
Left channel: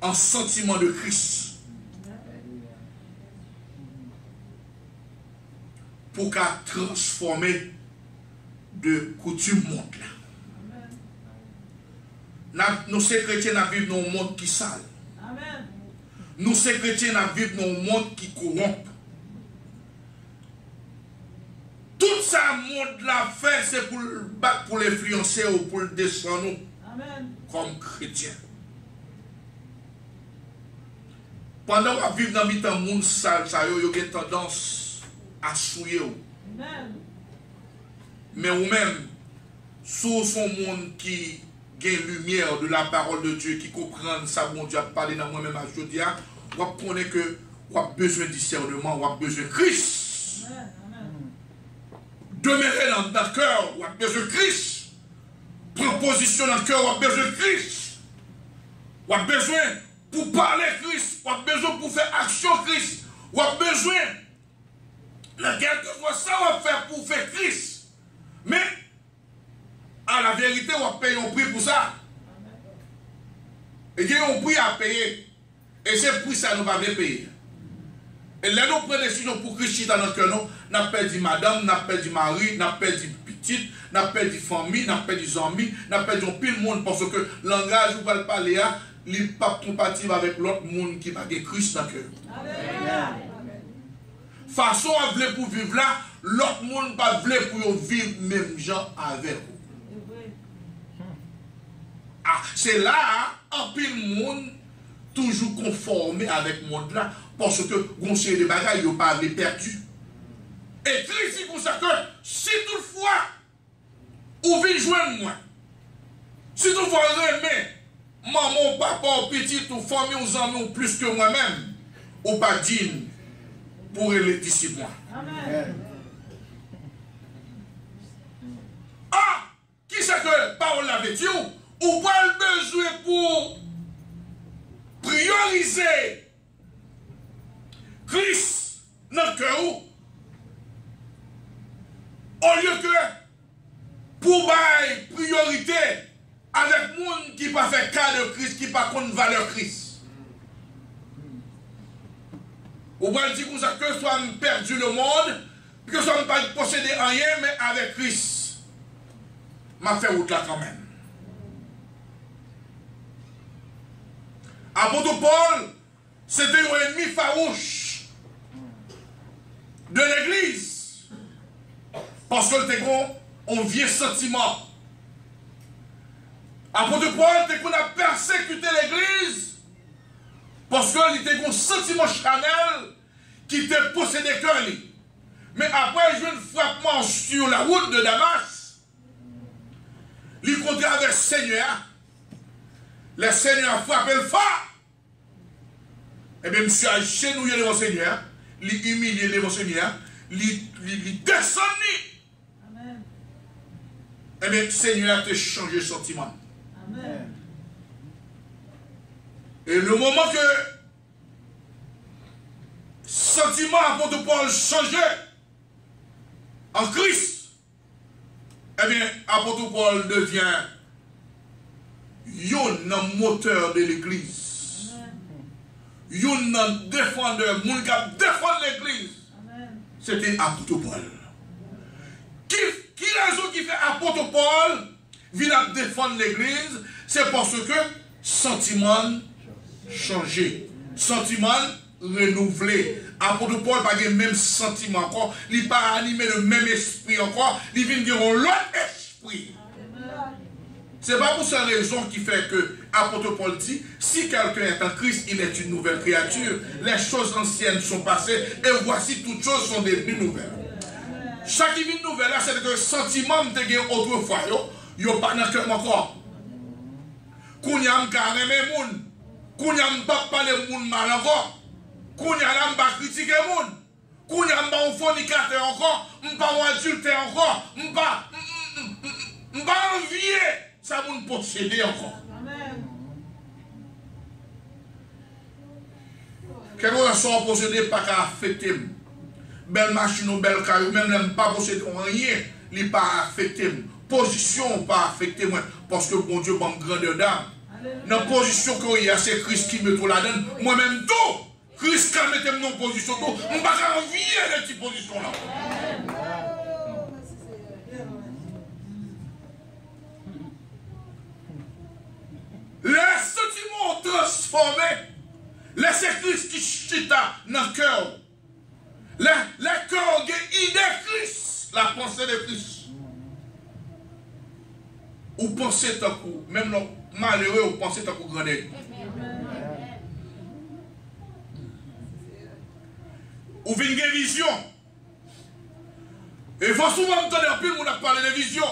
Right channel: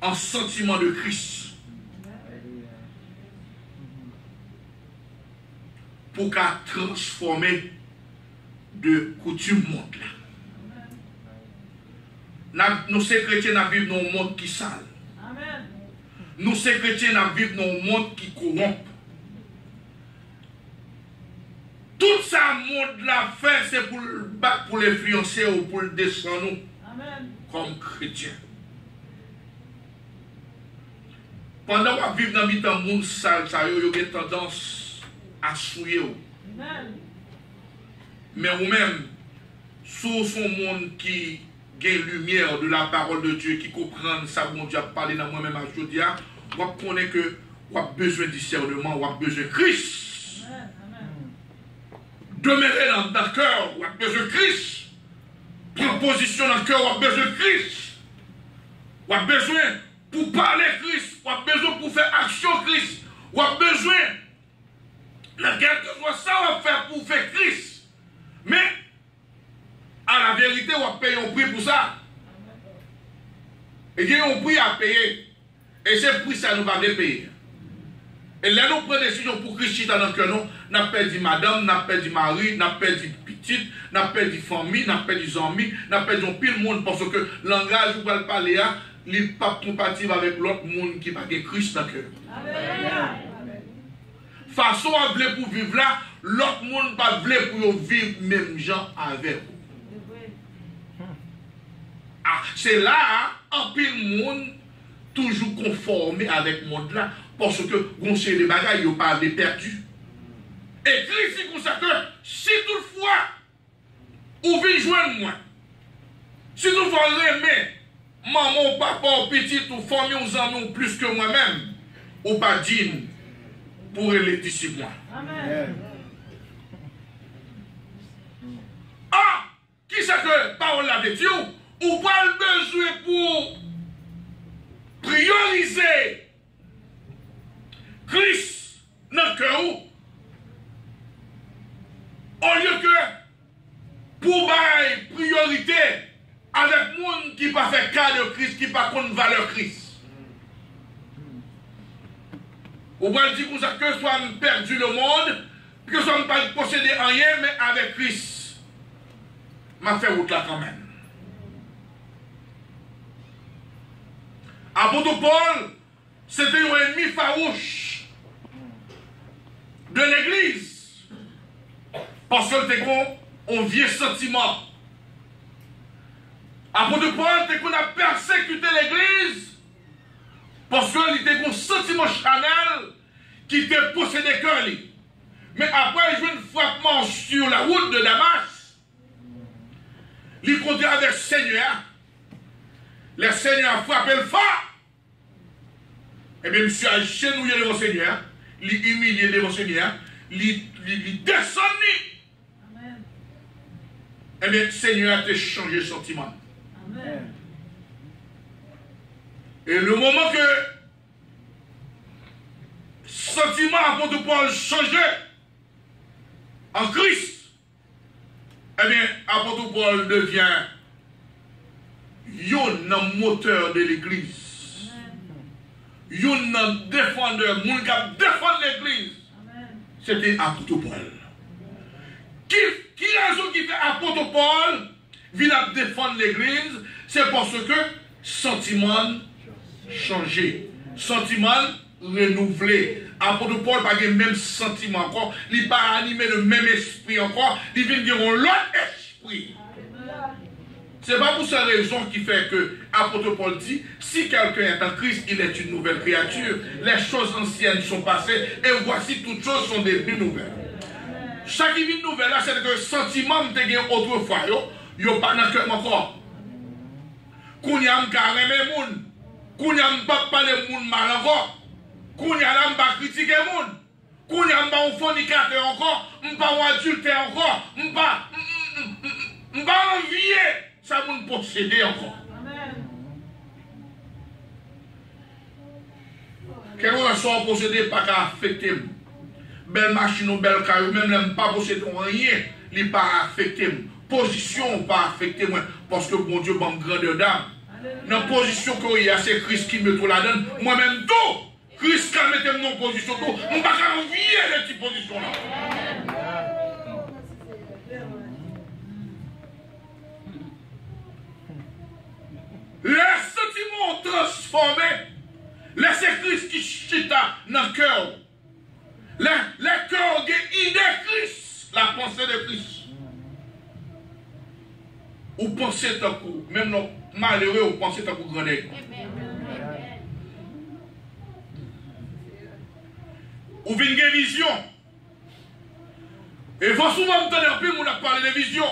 en sentiment de Christ. Pour qu'à transformer de coutume monde là. Nous, ces chrétiens, nous vivons dans un monde qui sale. Amen. Nous, ces chrétiens, nous vivons dans un monde qui corrompt. Tout ça, monde l'a fait, c'est pour le battre, pour l'influencer ou pour le descendre Amen. Comme chrétiens. Pendant qu'on vit dans le monde sale, ça a une tendance à souiller. Amen. Mais vous-même, sous son monde qui gagne lumière de la parole de Dieu, qui comprend ça, mon Dieu a parlé dans moi-même à jeudi, vous connaissez que vous avez besoin de discernement, vous avez besoin de Christ. Amen. Amen. Demeurez dans le cœur, vous avez besoin de Christ. Prendre position dans le cœur, vous avez besoin de Christ. Vous avez besoin pour parler Christ, vous avez besoin pour faire action Christ, vous avez besoin de quelque chose ça va faire pour faire Christ. Mais à la vérité, on va payer un prix pour ça. Et il y a un prix à payer. Et c'est prix ça nous va payer. Et là, nous prenons des décisions pour Christ dans notre cœur. Nous avons perdu madame, nous avons perdu mari, nous avons perdu petite, nous avons perdu famille, nous avons perdu amis, nous avons perdu pile monde parce que le langage où vous allez parler, il n'est pas compatible avec l'autre monde qui va avoir Christ dans le cœur. Façon à vouloir pour vivre là, l'autre monde pas vouloir pour vivre même gens avec vous. Ah, c'est là, un pile monde toujours conformé avec le monde là, parce que on sait les bagages, ils n'ont pas perdu. Et Christ dit comme ça que si toutefois, vous venez joindre moi, si toutefois vous aimez maman, papa, petit, ou famille, ou amis, ou plus que moi-même, ou pas digne pour les disciples. Amen. Ah, qui c'est que parole l'avait dit? Ou pas le besoin pour prioriser Christ dans le cœur, au lieu que pour bailler priorité avec monde qui pas fait cas de Christ, qui pas contre valeur Christ. Ou pas dire que soit perdu le monde, que soit pas possédé rien, mais avec Christ. M'a fait route là quand même. Apôtre Paul, c'était un ennemi farouche de l'église. Parce que c'était un vieux sentiment. Apôtre Paul, c'était qu'on a persécuté l'église. Parce qu'il était un sentiment charnel qui était possédé que lui. Mais après, il joue un frappement sur la route de Damas. Il comptait avec le Seigneur. Le Seigneur a frappé le phare. Et bien, monsieur a chenouillé devant le Seigneur. Il humilié devant le Seigneur. Il descend. Amen. Et bien, le Seigneur a changé de sentiment. Amen. Et le moment que sentiment apôtre Paul changeait en Christ, eh bien, apôtre Paul devient un moteur de l'église. Un défendeur, mon gars défend l'église. C'était apôtre Paul. Qui raison qui fait apôtre Paul vient défendre l'église? C'est parce que sentiment changé, sentiment renouvelé. Apôtre Paul n'a pas le même sentiment encore, il n'est pas animé le même esprit encore, il vient dire l'autre esprit. C'est pas pour cette raison qui fait que apôtre Paul dit, si quelqu'un est en Christ, il est une nouvelle créature. Les choses anciennes sont passées et voici toutes choses sont devenues nouvelles. Chaque vie nouvelle là, c'est que le sentiment de gagner autrefois, il n'y a pas dans le cœur encore. Qu'on y a un carré moun, qu'on y a un pas parler moun mal encore, qu'on y a un pas critiquer moun, qu'on y a un pas fornicateur encore, un pas adultère encore, un pas envier, ça moun posséder encore. Quelque chose à posséder pas qu'à affecter. Belle machine ou belle carrière, même n'aime pas posséder rien, il pas affecté. Position pas affecté moi, parce que mon Dieu m'a grandeur d'âme. Dans la position qu'il y a, c'est Christ qui me trouve la donne. Moi-même, tout, Christ qui me met en position, tout, je ne peux pas envier de cette position-là. Les sentiments transformés, laissez Christ qui chita dans le cœur. Le cœur qui idée Christ, la pensée de Christ. Ou pensez tant coup, même le malheureux, ou pensez tant coup grandeur. Ou venez une vision. Et il faut souvent entendre un peu, on a parlé de vision.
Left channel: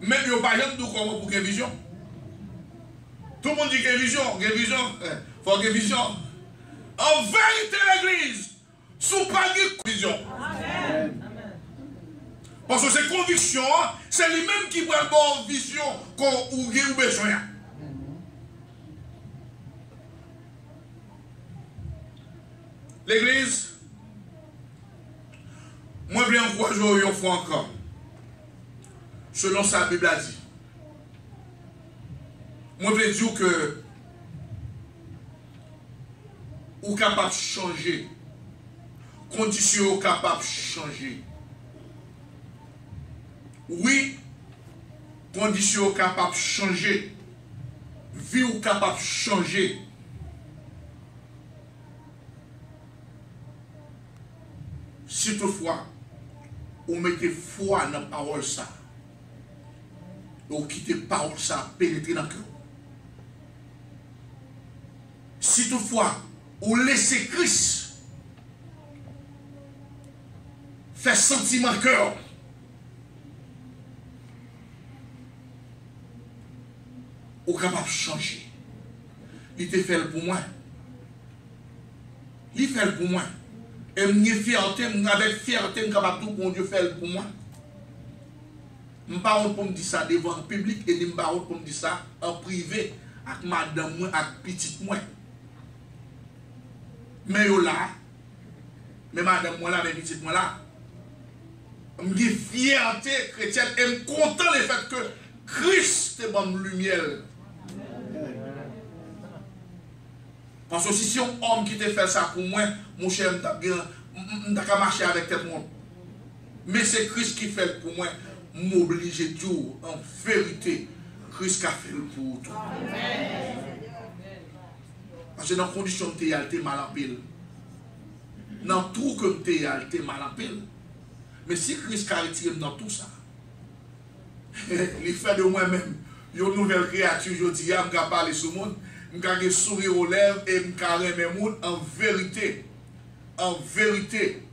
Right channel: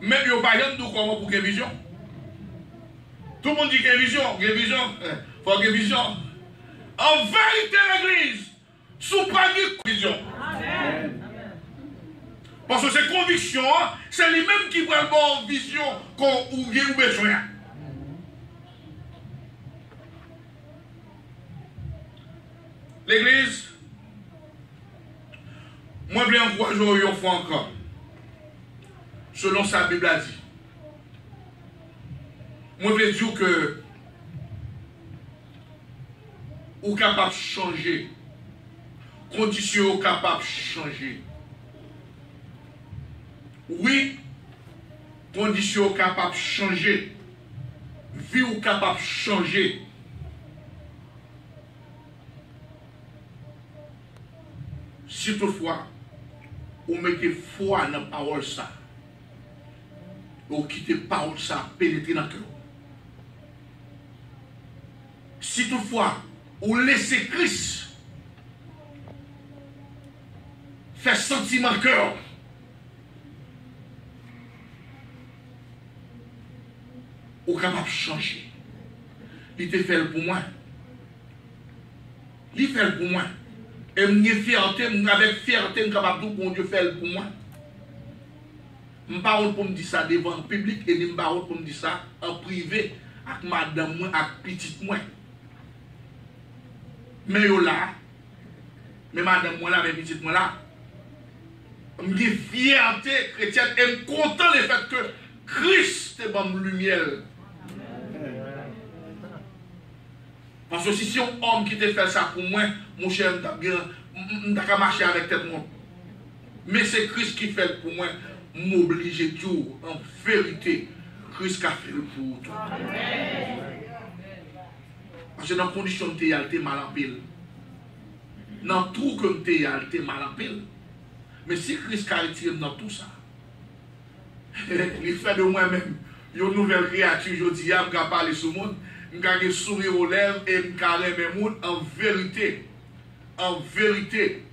Mais il n'y a pas de comment pour une vision. Tout le monde dit qu'il y a une vision, il faut qu'il y ait une vision. En vérité, l'église, sous pas de vision. Parce que ces convictions, c'est lui-même qui prend la bonne vision ou il a besoin. L'église, moi je vais encourager une fois encore. Selon sa Bible a dit. Moi je vais dire que ou capable de changer. Conditions capable de changer. Oui, conditions capable de changer. Vie ou capable de changer. Si toutefois, vous mettez foi dans la parole ça, vous quittez la parole ça, pénétrer dans le cœur. Si toutefois, vous laissez Christ faire sentiment cœur, vous êtes capable de changer. Il te fait pour moi. Il fait pour moi. Et avec fierté, je suis capable de dire bon Dieu fait pour moi. Je ne parle pas pour me dire ça devant le public et je ne parle pas pour me dire ça en privé avec madame moi, avec petite moi. Mais yo là, mais madame moi là, mais petite moi là, je suis fierté chrétienne et je suis content du fait que Christ est mon lumière. Parce que si c'est un homme qui te fait ça pour moi, mon cher, je vais marcher avec tout le monde. Mais c'est Christ qui fait pour moi, m'obliger tout, en vérité, Christ a fait pour toi. Parce que dans la condition de t'es mal en pile. Dans tout comme t'es mal en pile. Mais si Christ a retiré dans tout ça, il fait de moi-même une nouvelle créature, je dis, je vais parler sur le monde. Je vais sourire aux lèvres et je vais carrer mes mots en vérité. En vérité,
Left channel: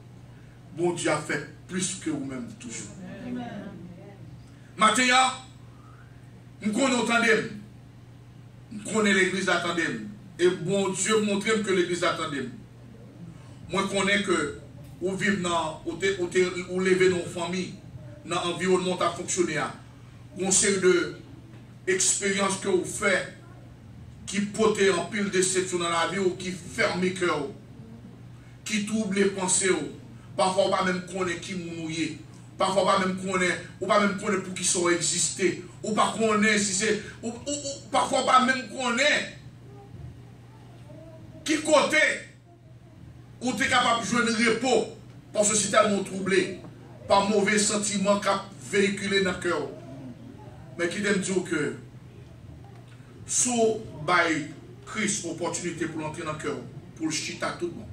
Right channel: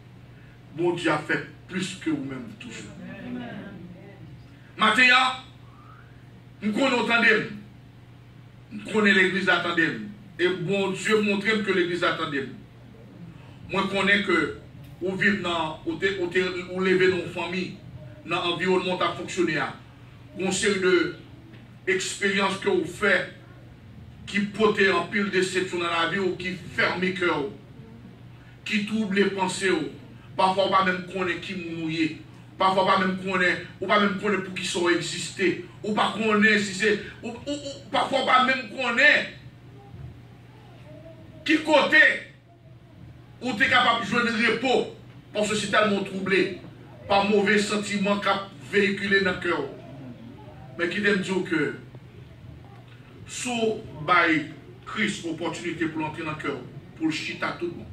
bon Dieu a fait plus que vous-même toujours. Maintenant, nous connaissons nous connaissons l'église attendez. Et bon Dieu montre que l'église attendez. Moi je connais que vous vivez dans, vous levez dans une famille, dans l'environnement à fonctionner. Une série d'expériences que vous faites qui portent en pile de déception dans la vie ou qui ferment le cœur, qui troublent les pensées. Parfois, pas même connaître qui mourir. Parfois, pas même connaître, ou pas même connaître pour qui sont existés. Ou pas connaître si c'est. Ou parfois, pas même connaître qui côté où tu es capable de jouer le repos. Parce que c'est tellement troublé par mauvais sentiments qui véhiculés dans le cœur. Mais qui t'aime dire que sous by Christ, opportunité pour entrer dans le cœur, pour le chita tout le monde.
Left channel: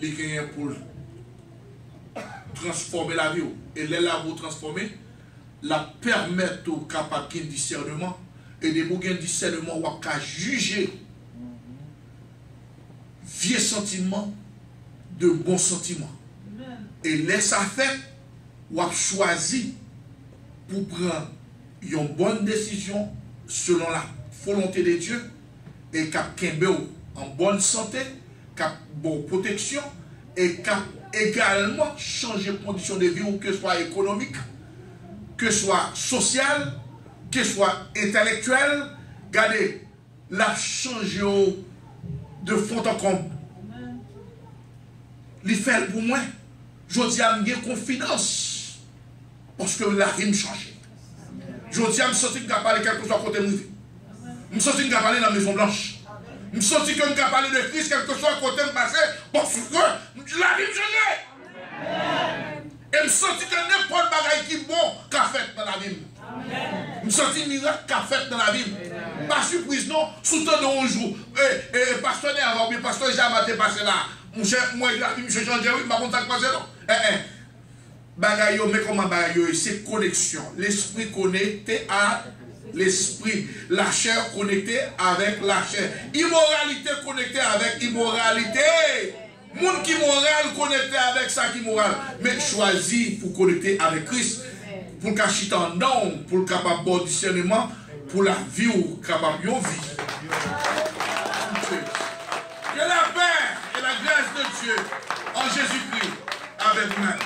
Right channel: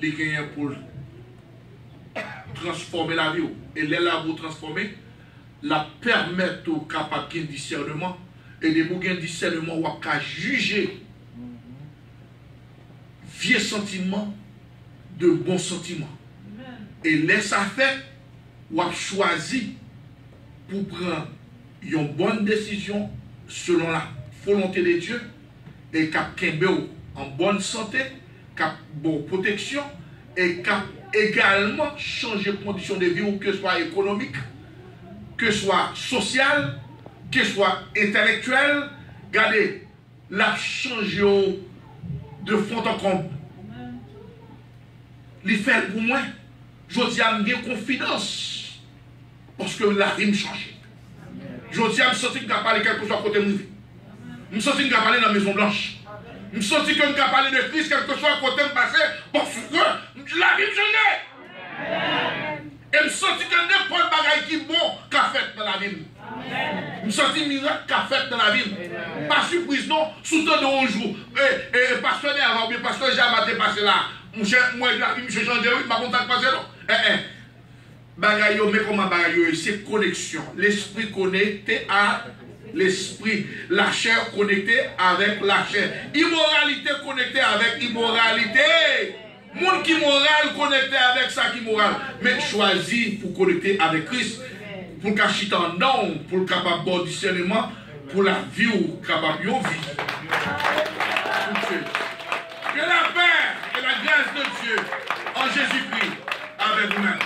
Les gagnants pour transformer la vie. Et les là pour transformer, la permettre au capable de discernement. Et de vous gagner discernement, ou à juger vieux sentiments de bons sentiments. Et laisse à faire, ou à choisir pour prendre une bonne décision selon la volonté de Dieu et cap en bonne santé, cap bonne protection et cap également changer de conditions de vie, ou que ce soit économique, que ce soit social, que ce soit intellectuel. Regardez, la change de fond en comble. Il fait pour moi. Je dis à me confiance parce que la vie me change. Je dis à me sentir que je parler quelque chose à côté de moi. Je me sentir que je parler dans la Maison Blanche. Je me sentir que je parler de Christ quelque chose à côté de passé parce que la vie me change. Et me sentir que n'importe bagaille qui est bon qu'a fait dans la vie. Je me sentis miracle qu'a fait dans la vie. Pas surprise, non. Sous temps de 11 jours. Et pasteur avant, bien pasteur jamais passé là. Moi, la vie me change, oui, je ne sais pas passé non. Bagaille, mais comment bagaille, c'est connexion. L'esprit connecté à l'esprit. La chair connectée avec la chair. Immoralité connectée avec immoralité. Monde qui moral, connecté avec ça qui moral. Mais choisi pour connecter avec Christ. Pour le chiter en don, pour le capable de discernement, pour la vie ou capable de vie. Que la paix et la grâce de Dieu en Jésus-Christ avec vous-même.